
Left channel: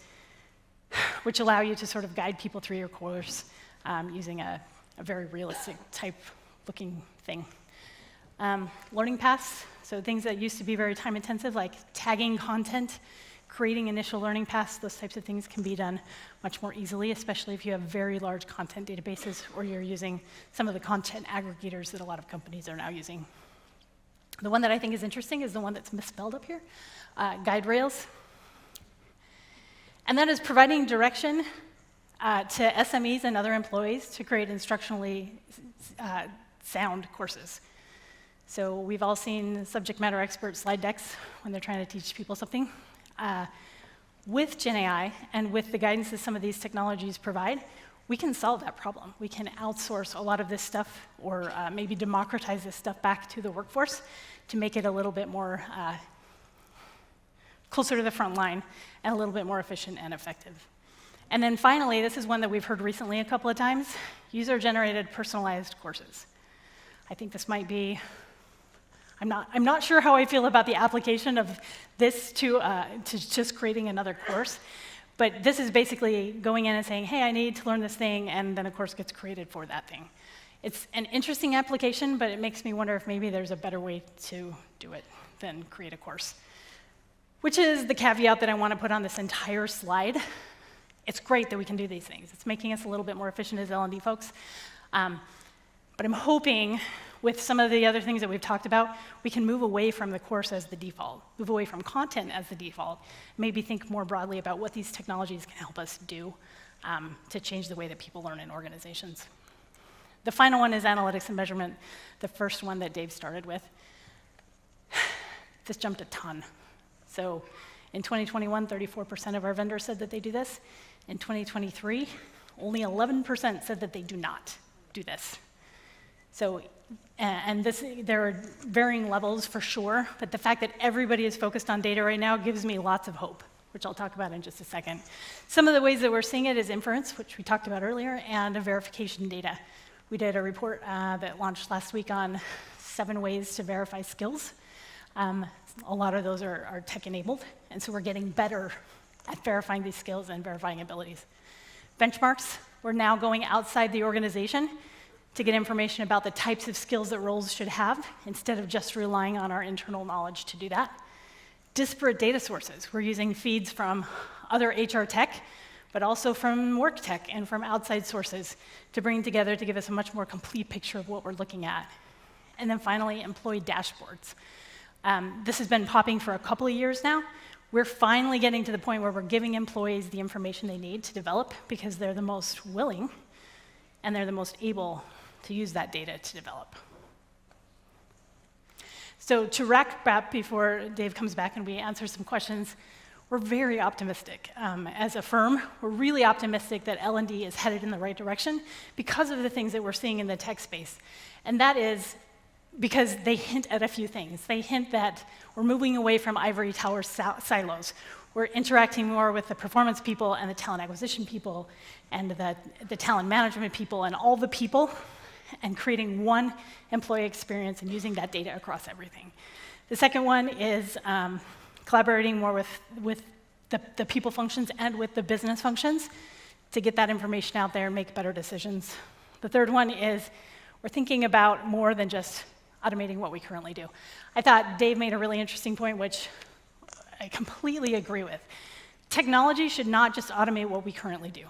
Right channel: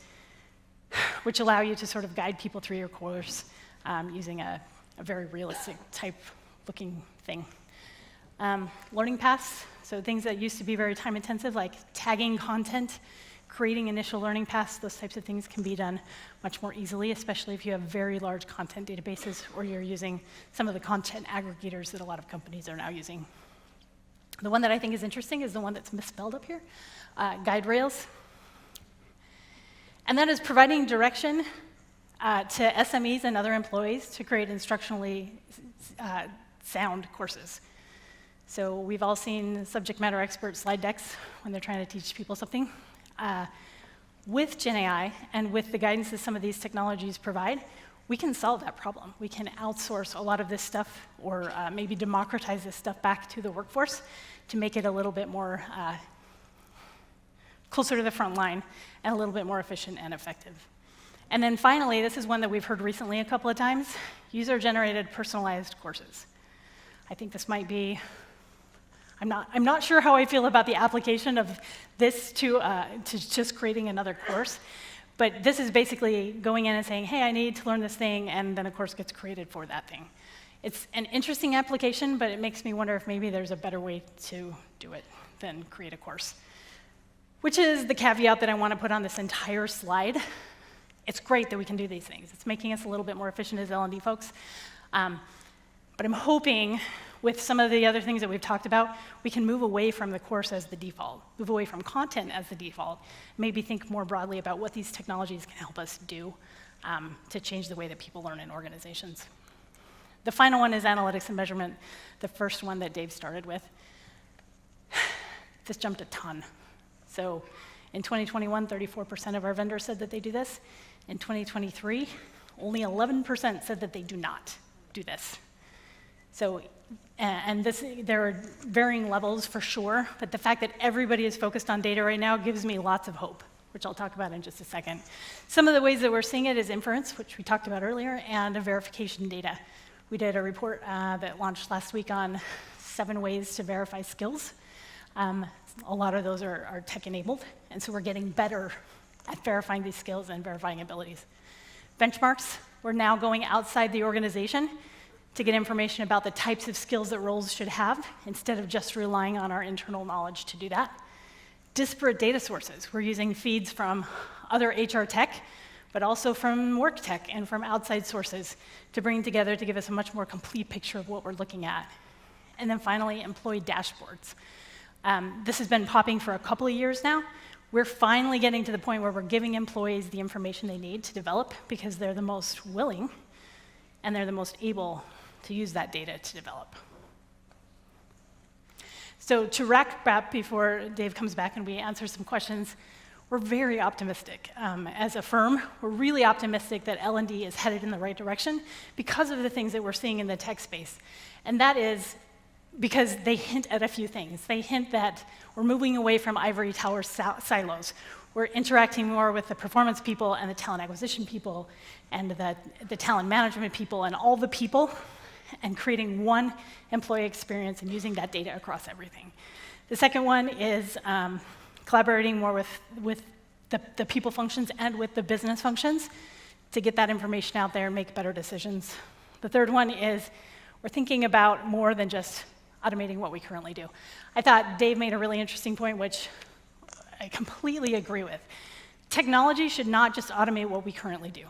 which allow you to sort of guide people through your course using a very realistic type looking thing. Learning paths, so things that used to be very time intensive, like tagging content, creating initial learning paths, those types of things can be done much more easily, especially if you have very large content databases or you're using some of the content aggregators that a lot of companies are now using. The one that I think is interesting is the one that's misspelled up here, guide rails. And that is providing direction to SMEs and other employees to create instructionally sound courses. So we've all seen subject matter expert slide decks when they're trying to teach people something. With Gen AI and with the guidance that some of these technologies provide, we can solve that problem. We can outsource a lot of this stuff or maybe democratize this stuff back to the workforce to make it a little bit more closer to the front line and a little bit more efficient and effective. And then finally, this is one that we've heard recently a couple of times, user-generated personalized courses. I think this might be, I'm not sure how I feel about the application of this to just creating another course, but this is basically going in and saying, hey, I need to learn this thing, and then a course gets created for that thing. It's an interesting application, but it makes me wonder if maybe there's a better way to do it than create a course, which is the caveat that I want to put on this entire slide. It's great that we can do these things. It's making us a little bit more efficient as L&D folks, but I'm hoping with some of the other things that we've talked about, we can move away from the course as the default, move away from content as the default, maybe think more broadly about what these technologies can help us do to change the way that people learn in organizations. The final one is analytics and measurement, the first one that Dave started with. This jumped a ton. So in 2021, 34% of our vendors said that they do this. In 2023, only 11% said that they do not do this. So, and there are varying levels for sure, but the fact that everybody is focused on data right now gives me lots of hope, which I'll talk about in just a second. Some of the ways that we're seeing it is inference, which we talked about earlier, and verification data. We did a report that launched last week on 7 ways to verify skills. A lot of those are tech-enabled, and so we're getting better at verifying these skills and verifying abilities. Benchmarks, we're now going outside the organization to get information about the types of skills that roles should have, instead of just relying on our internal knowledge to do that. Disparate data sources, we're using feeds from other HR tech, but also from work tech and from outside sources to bring together to give us a much more complete picture of what we're looking at. And then finally, employee dashboards. This has been popping for a couple of years now. We're finally getting to the point where we're giving employees the information they need to develop because they're the most willing and they're the most able to use that data to develop. So to wrap up before Dave comes back and we answer some questions, we're very optimistic. As a firm, we're really optimistic that L&D is headed in the right direction because of the things that we're seeing in the tech space. And that is because they hint at a few things. They hint that we're moving away from ivory tower silos. We're interacting more with the performance people and the talent acquisition people and the talent management people and all the people, and creating one employee experience and using that data across everything. The second one is collaborating more with the people functions and with the business functions to get that information out there and make better decisions. The third one is we're thinking about more than just automating what we currently do. I thought Dave made a really interesting point, which I completely agree with. Technology should not just automate what we currently do.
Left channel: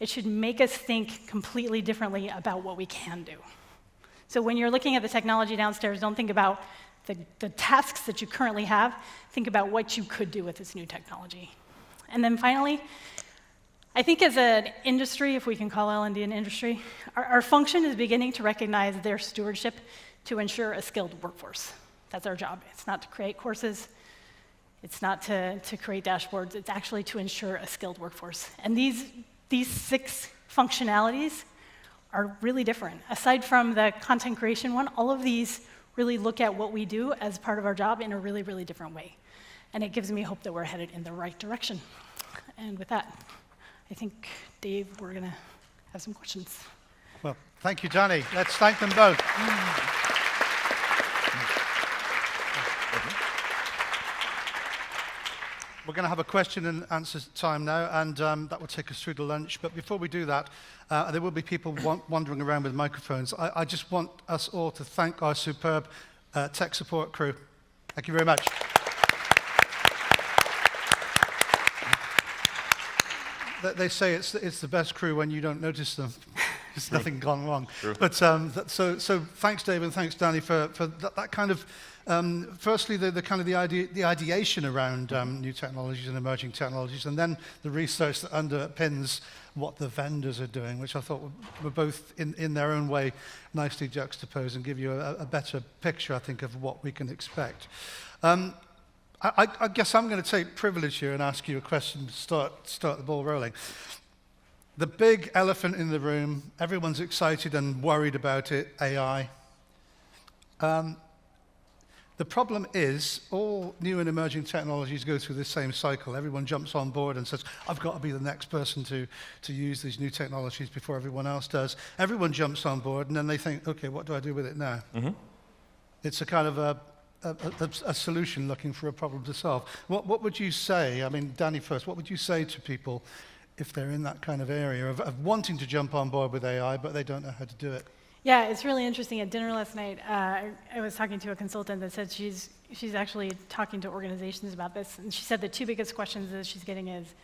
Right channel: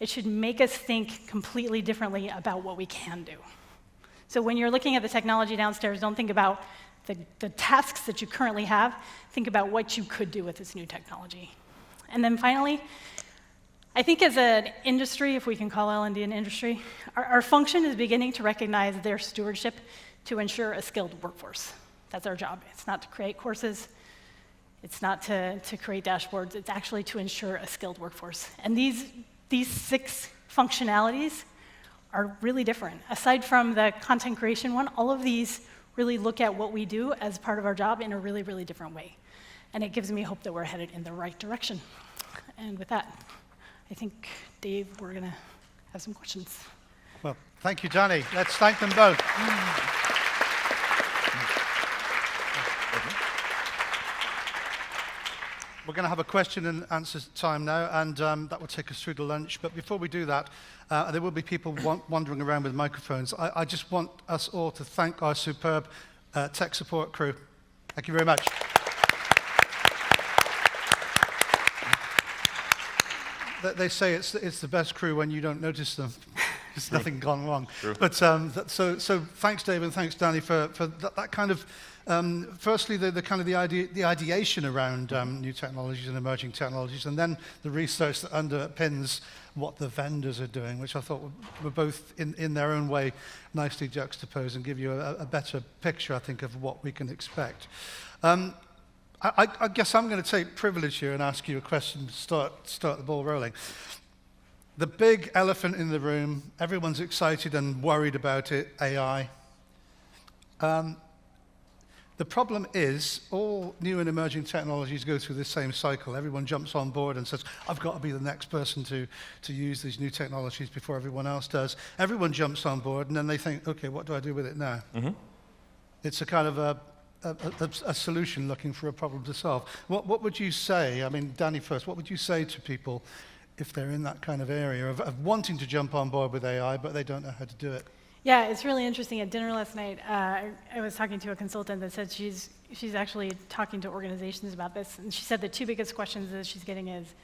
It should make us think completely differently about what we can do. So when you're looking at the technology downstairs, don't think about the tasks that you currently have. Think about what you could do with this new technology. And then finally, I think as an industry, if we can call L&D an industry, our function is beginning to recognize their stewardship to ensure a skilled workforce. That's our job. It's not to create courses. It's not to create dashboards. It's actually to ensure a skilled workforce. And these 6 functionalities are really different. Aside from the content creation one, all of these really look at what we do as part of our job in a really, really different way. And it gives me hope that we're headed in the right direction. And with that, I think, Dave, we're going to have some questions. Well, thank you, Danny. Let's thank them both. We're going to have a question and answer time now, and that will take us through to lunch. But before we do that, there will be people wandering around with microphones. I just want us all to thank our superb tech support crew. Thank you very much. They say it's the best crew when you don't notice them. There's nothing gone wrong. True. But so thanks, Dave, and thanks, Danny, for that kind of. Firstly, the kind of the ideation around new technologies and emerging technologies, and then the research that underpins what the vendors are doing, which I thought were both in their own way nicely juxtaposed and give you a better picture, I think, of what we can expect. I guess I'm going to take privilege here and ask you a question to start the ball rolling. The big elephant in the room, everyone's excited and worried about it, AI. The problem is all new and emerging technologies go through the same cycle. Everyone jumps on board and says, I've got to be the next person to use these new technologies before everyone else does. Everyone jumps on board, and then they think, okay, what do I do with it now? Mm-hmm. It's a kind of a solution looking for a problem to solve. What would you say, I mean, Danny first, what would you say to people if they're in that kind of area of wanting to jump on board with AI, but they don't know how to do it? Yeah, it's really interesting. At dinner last night, I was talking to a consultant that said she's actually talking to organizations about this, and she said the 2 biggest questions that she's getting is,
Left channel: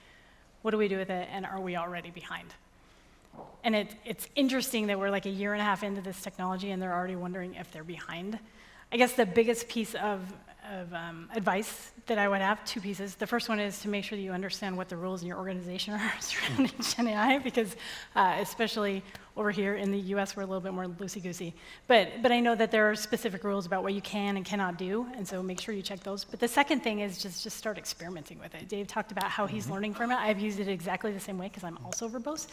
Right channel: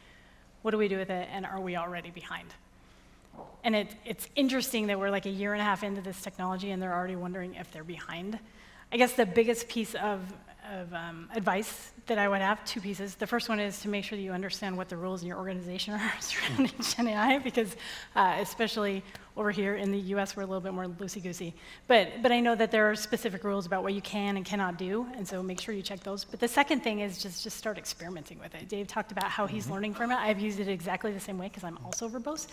what do we do with it, and are we already behind? And it's interesting that we're like a year and a half into this technology, and they're already wondering if they're behind. I guess the biggest piece of advice that I would have, 2 pieces. The first one is to make sure that you understand what the rules in your organization are surrounding Gen AI, because especially over here in the US, we're a little bit more loosey-goosey. But I know that there are specific rules about what you can and cannot do, and so make sure you check those. But the second thing is just start experimenting with it. Dave talked about how he's learning from it. I've used it exactly the same way because I'm also verbose.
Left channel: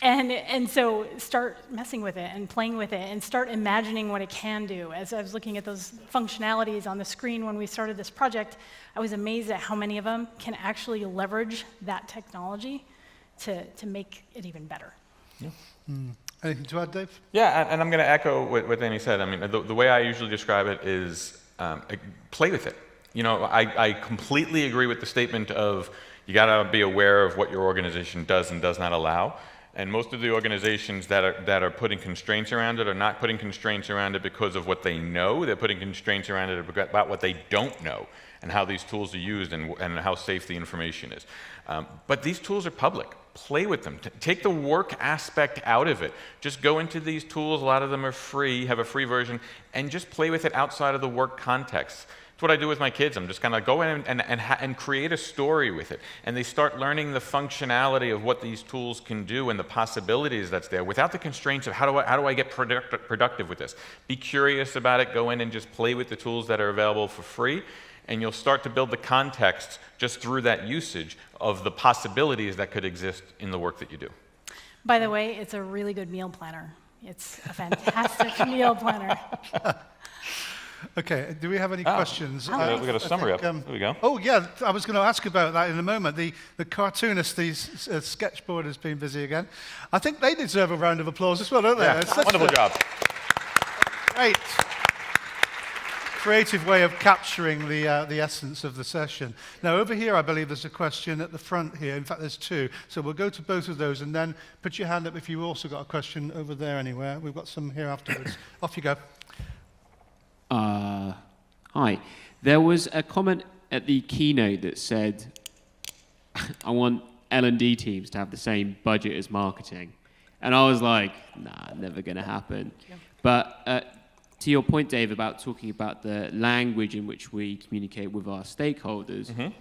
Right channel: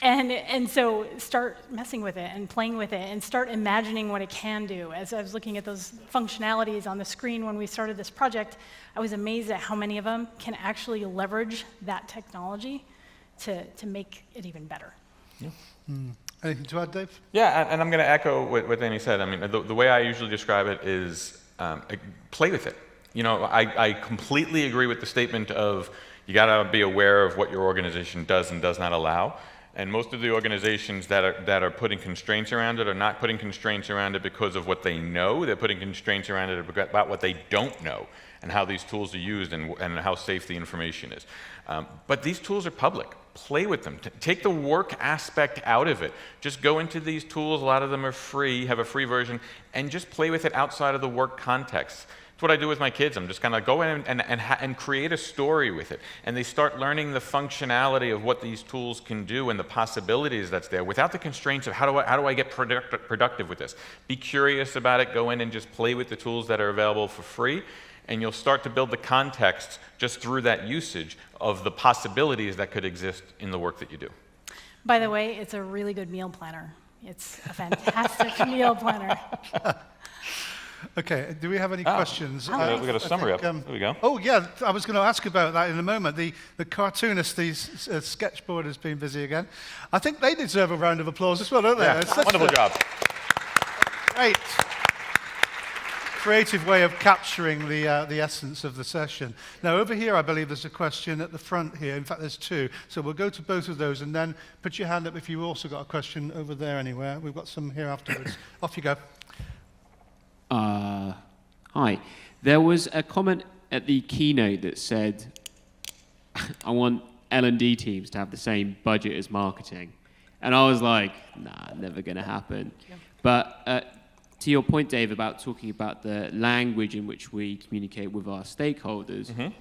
And so start messing with it and playing with it and start imagining what it can do. As I was looking at those functionalities on the screen when we started this project, I was amazed at how many of them can actually leverage that technology to make it even better. Yeah. Anything to add, Dave? Yeah, and I'm going to echo what Danny said. I mean, the way I usually describe it is play with it. You know, I completely agree with the statement of you got to be aware of what your organization does and does not allow. And most of the organizations that are putting constraints around it are not putting constraints around it because of what they know. They're putting constraints around it about what they don't know and how these tools are used and how safe the information is. But these tools are public. Play with them. Take the work aspect out of it. Just go into these tools. A lot of them are free, have a free version, and just play with it outside of the work context. What I do with my kids. I'm just kind of go in and create a story with it. And they start learning the functionality of what these tools can do and the possibilities that's there without the constraints of how do I get productive with this. Be curious about it. Go in and just play with the tools that are available for free. And you'll start to build the context just through that usage of the possibilities that could exist in the work that you do. By the way, it's a really good meal planner. It's a fantastic meal planner. Okay, do we have any questions? We've got a summary up. There we go. Oh, yeah, I was going to ask about that in a moment. The cartoonist, the sketchboard has been busy again. I think they deserve a round of applause as well, don't they? Yeah, It's such wonderful a job. great creative way of capturing the essence of the session. Now, over here, I believe there's a question at the front here. In fact, there's two. So we'll go to both of those, and then put your hand up if you've also got a question over there anywhere. We've got some here afterwards. Off you go. Hi. There was a comment at the keynote that said, I want L&D teams to have the same budget as marketing. And I was like, nah, never going to happen. Yeah. But to your point, Dave, about talking about the language in which we communicate with our stakeholders,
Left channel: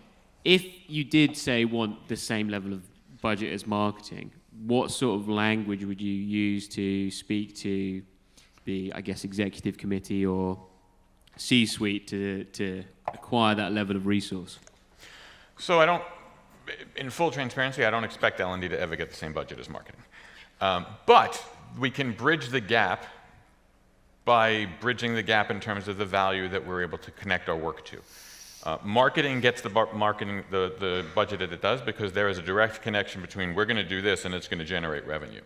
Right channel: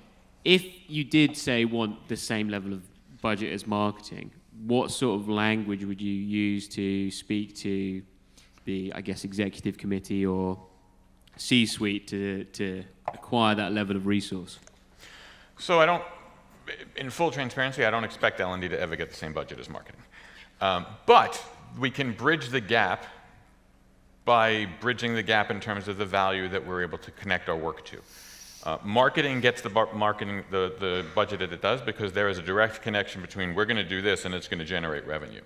if you did say want the same level of budget as marketing, what sort of language would you use to speak to the, I guess, executive committee or C-suite to acquire that level of resource? So in full transparency, I don't expect L&D to ever get the same budget as marketing. But we can bridge the gap by bridging the gap in terms of the value that we're able to connect our work to. Marketing gets the budget that it does because there is a direct connection between we're going to do this and it's going to generate revenue.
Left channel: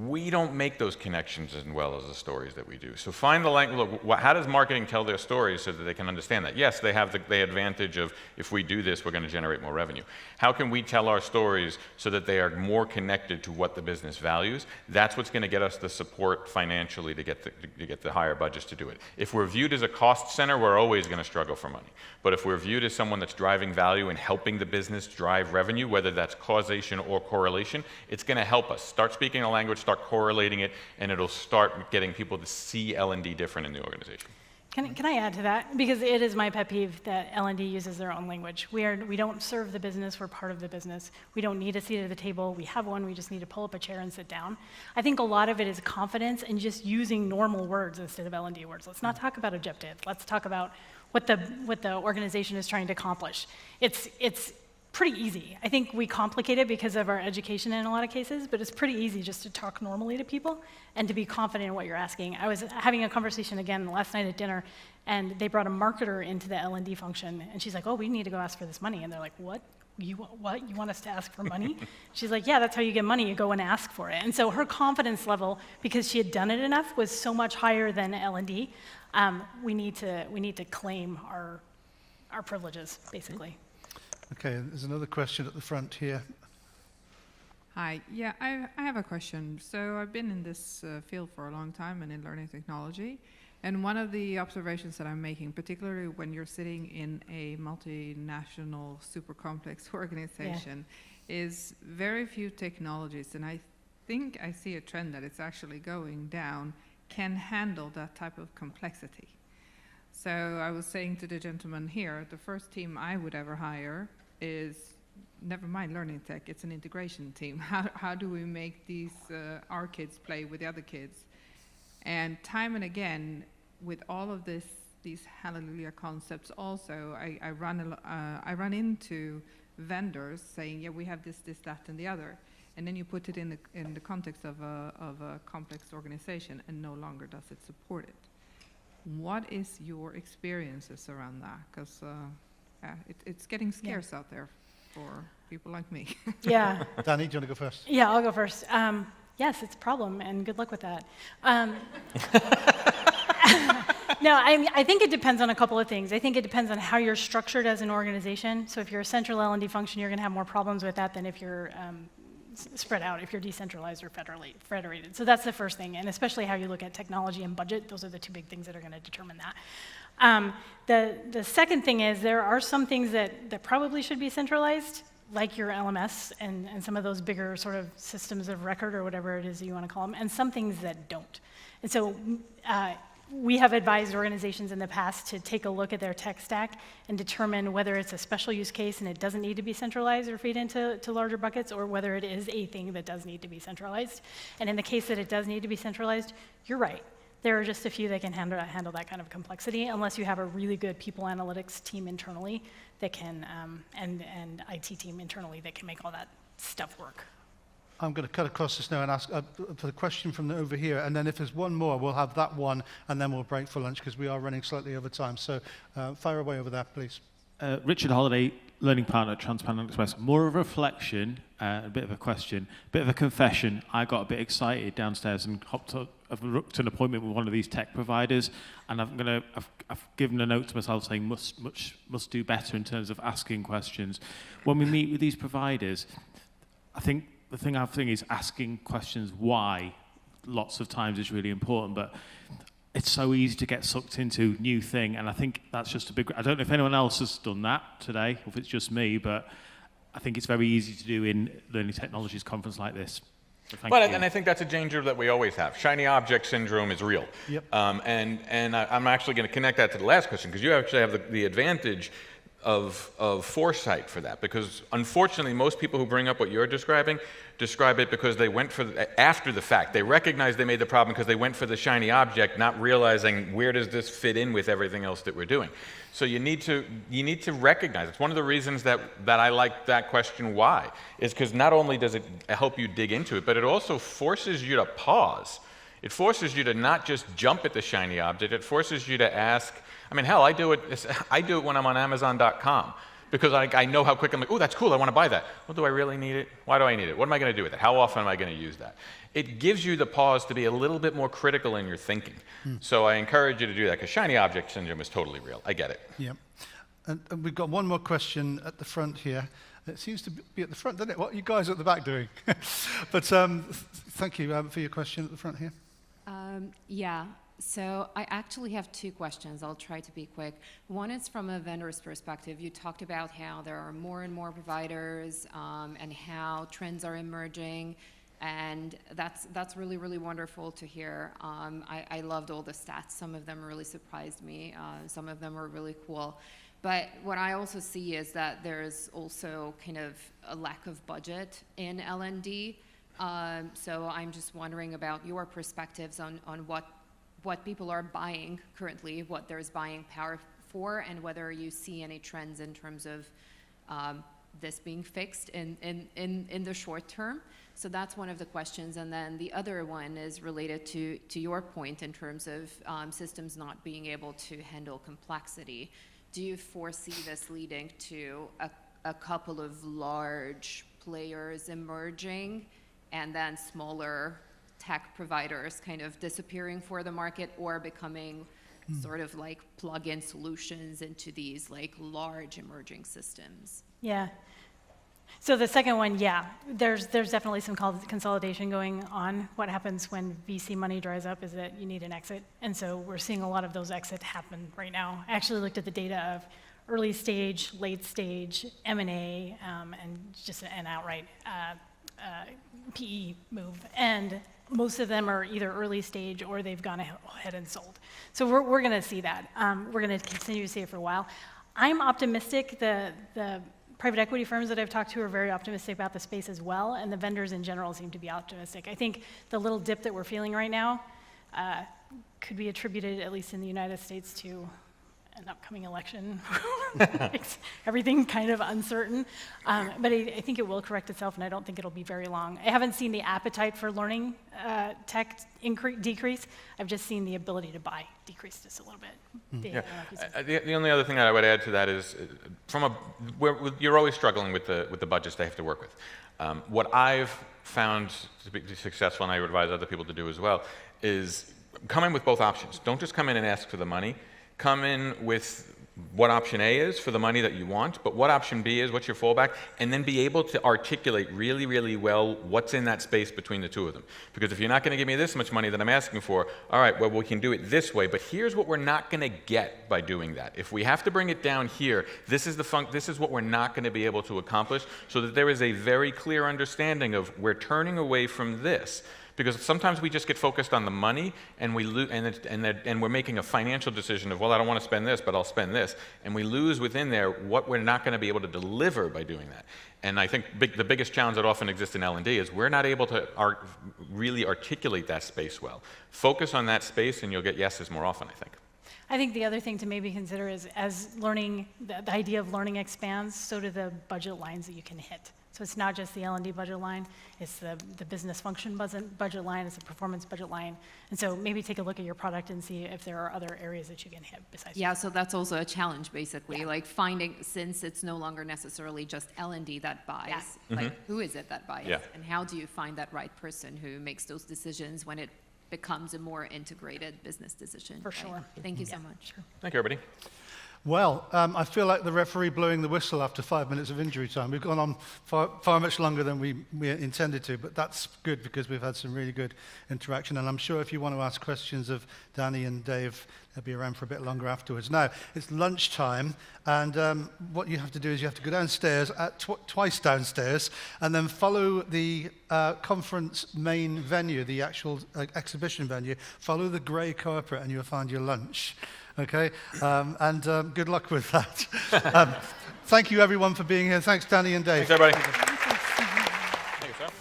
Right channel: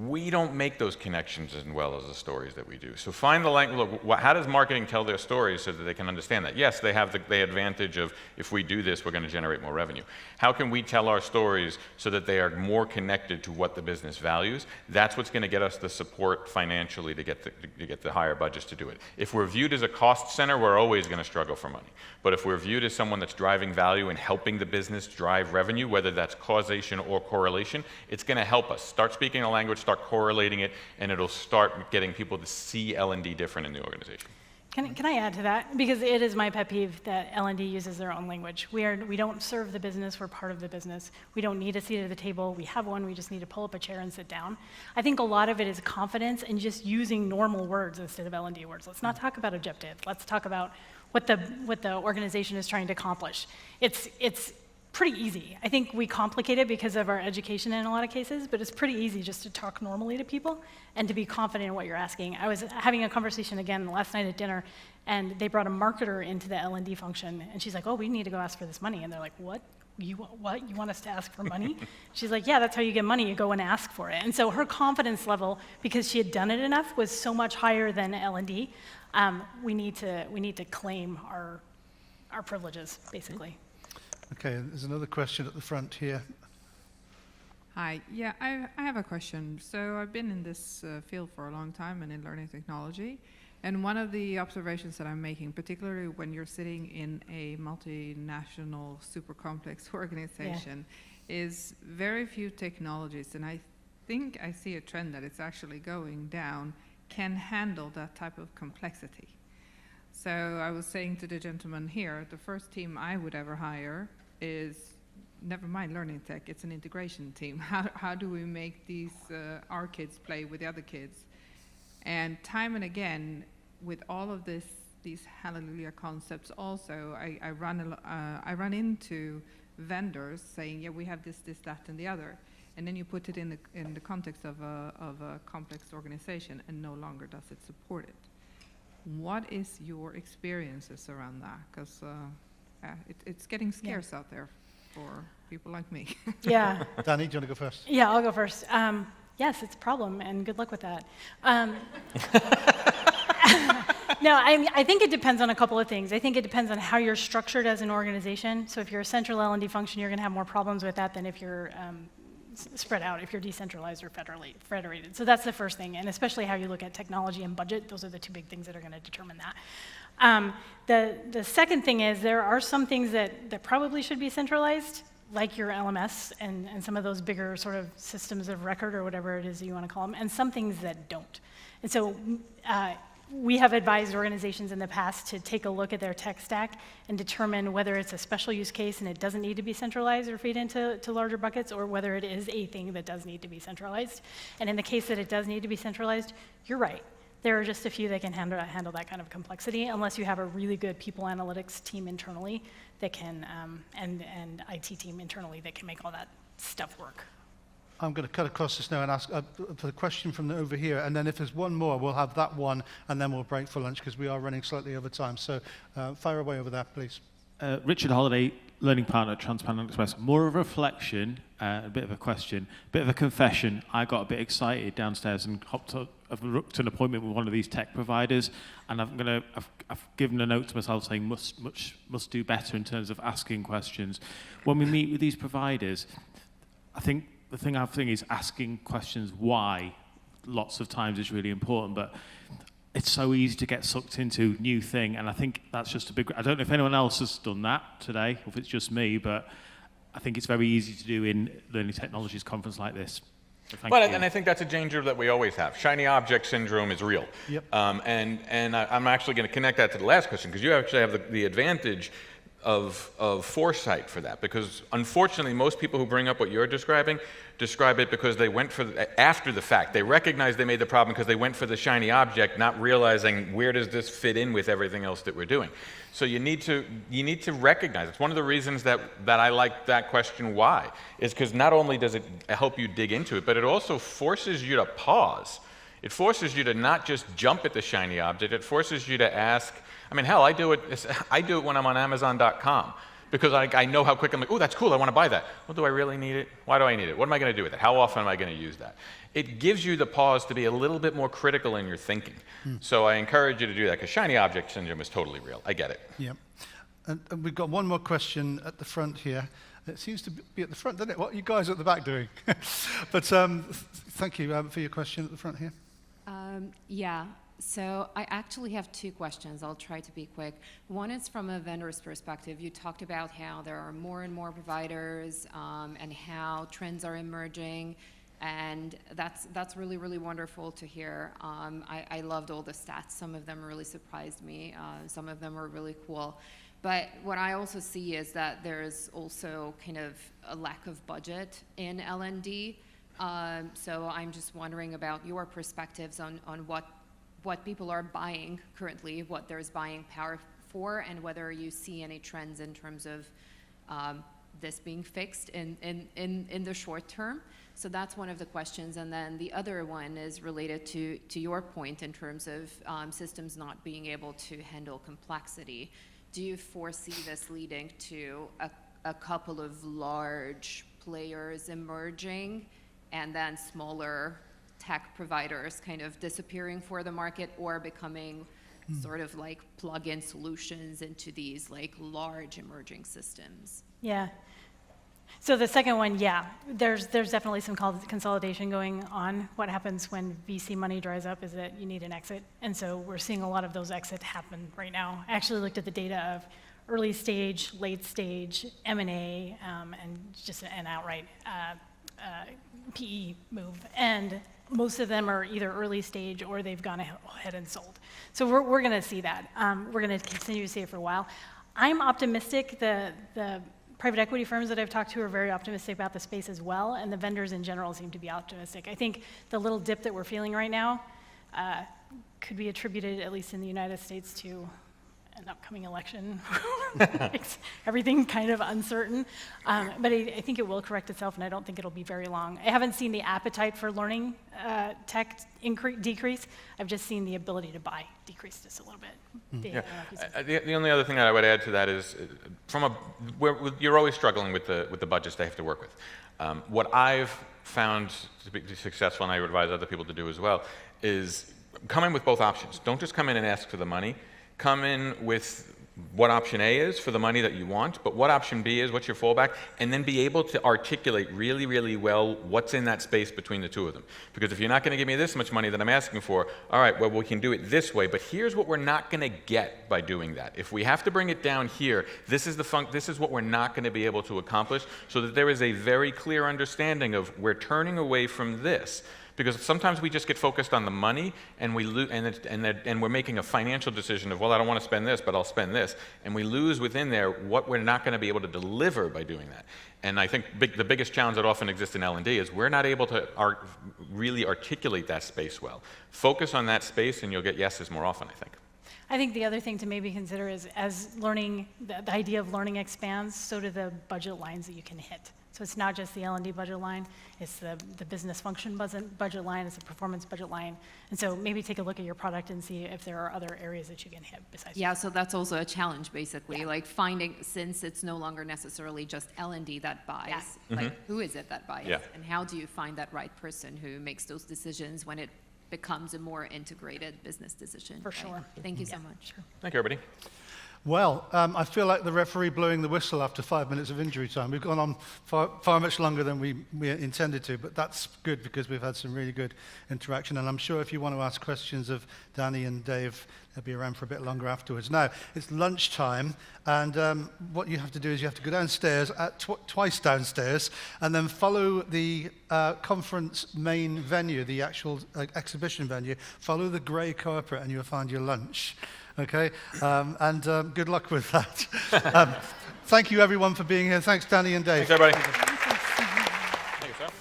We don't make those connections as well as the stories that we do. So find the language. Look, how does marketing tell their stories so that they can understand that? Yes, they have the advantage of if we do this, we're going to generate more revenue. How can we tell our stories so that they are more connected to what the business values? That's what's going to get us the support financially to get the higher budgets to do it. If we're viewed as a cost center, we're always going to struggle for money. But if we're viewed as someone that's driving value and helping the business drive revenue, whether that's causation or correlation, it's going to help us. Start speaking a language, start correlating it, and it'll start getting people to see L&D different in the organization. Can I add to that? Because it is my pet peeve that L&D uses their own language. We don't serve the business, we're part of the business. We don't need a seat at the table. We have one, we just need to pull up a chair and sit down. I think a lot of it is confidence and just using normal words instead of L&D words. Let's not talk about objectives. Let's talk about what the organization is trying to accomplish. It's pretty easy. I think we complicate it because of our education in a lot of cases, but it's pretty easy just to talk normally to people and to be confident in what you're asking. I was having a conversation again last night at dinner, and they brought a marketer into the L&D function, and she's like, oh, we need to go ask for this money. And they're like, what? You want us to ask for money? She's like, yeah, that's how you get money. You go and ask for it. And so her confidence level, because she had done it enough, was so much higher than L&D. We need to claim our privileges, basically. Okay, there's another question at the front here. Hi, yeah, I have a question. So I've been in this field for a long time and in learning technology. And one of the observations that I'm making, particularly when you're sitting in a multinational, super complex organization, is very few technologies, and I think I see a trend that it's actually going down, can handle that type of complexity. So I was saying to the gentleman here, the first team I would ever hire is, never mind learning tech, it's an integration team. How do we make these, our kids play with the other kids? And time and again, with all of these hallelujah concepts also, I run into vendors saying, yeah, we have this, that, and the other. And then you put it in the context of a complex organization, and no longer does it support it. What is your experiences around that? Because it's getting scarce out there for people like me. Yeah. Danny, do you want to go first? Yeah, I'll go first. Yes, it's a problem, and good luck with that. No, I think it depends on a couple of things. I think it depends on how you're structured as an organization. So if you're a central L&D function, you're going to have more problems with that than if you're spread out, if you're decentralized or federated. So that's the first thing, and especially how you look at technology and budget. Those are the two big things that are going to determine that. The second thing is there are some things that probably should be centralized, like your LMS and some of those bigger sort of systems of record or whatever it is you want to call them, and some things that don't. And so we have advised organizations in the past to take a look at their tech stack and determine whether it's a special use case and it doesn't need to be centralized or feed into larger buckets, or whether it is a thing that does need to be centralized. And in the case that it does need to be centralized, you're right. There are just a few that can handle that kind of complexity, unless you have a really good people analytics team internally that can, and IT team internally that can make all that stuff work. I'm going to cut across this now and ask for the question from over here, and then if there's one more, we'll have that one, and then we'll break for lunch because we are running slightly over time. So fire away over there, please. Richard Holiday, Learning Partner at Transparent Express. More of a reflection, a bit of a question, a bit of a confession. I got a bit excited downstairs and I've booked an appointment with one of these tech providers, and I've given a note to myself saying must do better in terms of asking questions. When we meet with these providers, I think the thing I think is asking questions why lots of times is really important, but it's so easy to get sucked into new thing, and I think that's just a big... I don't know if anyone else has done that today, or if it's just me, but I think it's very easy to do in Learning Technologies conference like this. So thank you. And I think that's a danger that we always have. Shiny object syndrome is real. Yep. I'm actually going to connect that to the last question, because you actually have the advantage of foresight for that, because unfortunately most people who bring up what you're describing describe it because they went for after the fact. They recognize they made the problem because they went for the shiny object, not realizing where does this fit in with everything else that we're doing. So you need to recognize. It's one of the reasons that I like that question why, is because not only does it help you dig into it, but it also forces you to pause. It forces you to not just jump at the shiny object. It forces you to ask. I mean, hell, I do it when I'm on Amazon.com, because I know how quick I'm like, oh, that's cool, I want to buy that. Well, do I really need it? Why do I need it? What am I going to do with it? How often am I going to use that? It gives you the pause to be a little bit more critical in your thinking. So I encourage you to do that, because shiny object syndrome is totally real. I get it. Yeah. And we've got one more question at the front here. It seems to be at the front, doesn't it? What are you guys at the back doing? But thank you for your question at the front here. Yeah. So I actually have two questions. I'll try to be quick. One is from a vendor's perspective. You talked about how there are more and more providers and how trends are emerging, and that's really, really wonderful to hear. I loved all the stats. Some of them really surprised me. Some of them were really cool. But what I also see is that there's also kind of a lack of budget in L&D. So I'm just wondering about your perspectives on what people are buying currently, what there's buying power for, and whether you see any trends in terms of this being fixed in the short term. So that's one of the questions. And then the other one is related to your point in terms of systems not being able to handle complexity. Do you foresee this leading to a couple of large players emerging and then smaller tech providers kind of disappearing for the market, or becoming sort of like plug-in solutions into these like large emerging systems? Yeah. So the second one, yeah, there's definitely some consolidation going on. What happens when VC money dries up is that you need an exit, and so we're seeing a lot of those exits happen right now. I actually looked at the data of early stage, late stage, M&A, and just an outright PE move, and most of them are either early stage or they've gone ahead and sold. So we're going to see that. We're going to continue to see it for a while. I'm optimistic. The private equity firms that I've talked to are very optimistic about the space as well, and the vendors in general seem to be optimistic. I think the little dip that we're feeling right now could be attributed, at least in the United States, to an upcoming election. Makes everything kind of uncertain. But I think it will correct itself, and I don't think it'll be very long. I haven't seen the appetite for learning tech decrease. I've just seen the ability to buy decrease just a little bit. The only other thing that I would add to that is, you're always struggling with the budgets they have to work with. What I've found to be successful, and I would advise other people to do as well, is come in with both options. Don't just come in and ask for the money. Come in with what option A is for the money that you want, but what option B is, what's your fallback, and then be able to articulate really, really well what's in that space between the two of them. Because if you're not going to give me this much money that I'm asking for, all right, well, we can do it this way, but here's what we're not going to get by doing that. If we have to bring it down here, this is what we're not going to be able to accomplish, so that there is a very clear understanding of we're turning away from this. Because sometimes we just get focused on the money, and we're making a financial decision of, well, I don't want to spend this, but I'll spend this, and we lose within there what we're not going to be able to deliver by doing that. And I think the biggest challenge that often exists in L&D is we're not able to really articulate that space well. Focus on that space, and you'll get yeses more often, I think. I think the other thing to maybe consider is, as learning, the idea of learning expands, so do the budget lines that you can hit. So it's not just the L&D budget line, it's the business function budget line, it's the performance budget line. And so maybe take a look at your product and see if there are other areas that you can hit besides. Yeah, so that's also a challenge, basically, like finding, since it's no longer necessarily just L&D that buys, like who is it that buys? Yeah. And how do you find that right person who makes those decisions when it becomes a more integrated business decision? For right? sure. Thank you so much. Thank you, everybody. Well, I feel like the referee blowing the whistle after 5 minutes of injury time. We've gone on far much longer than we intended to, but that's good because we've had some really good interaction. And I'm sure if you want to ask questions of Danny and Dave, they'll be around for a bit longer afterwards. Now, it's lunchtime, and what you have to do is you have to go downstairs, twice downstairs, and then follow the conference main venue, the actual exhibition venue, follow the grey carpet, and you'll find your lunch. Okay, and good luck with that. Thank you, everyone, for being here. Thanks, Danny and Dave. Thanks, everybody. Thank you, sir.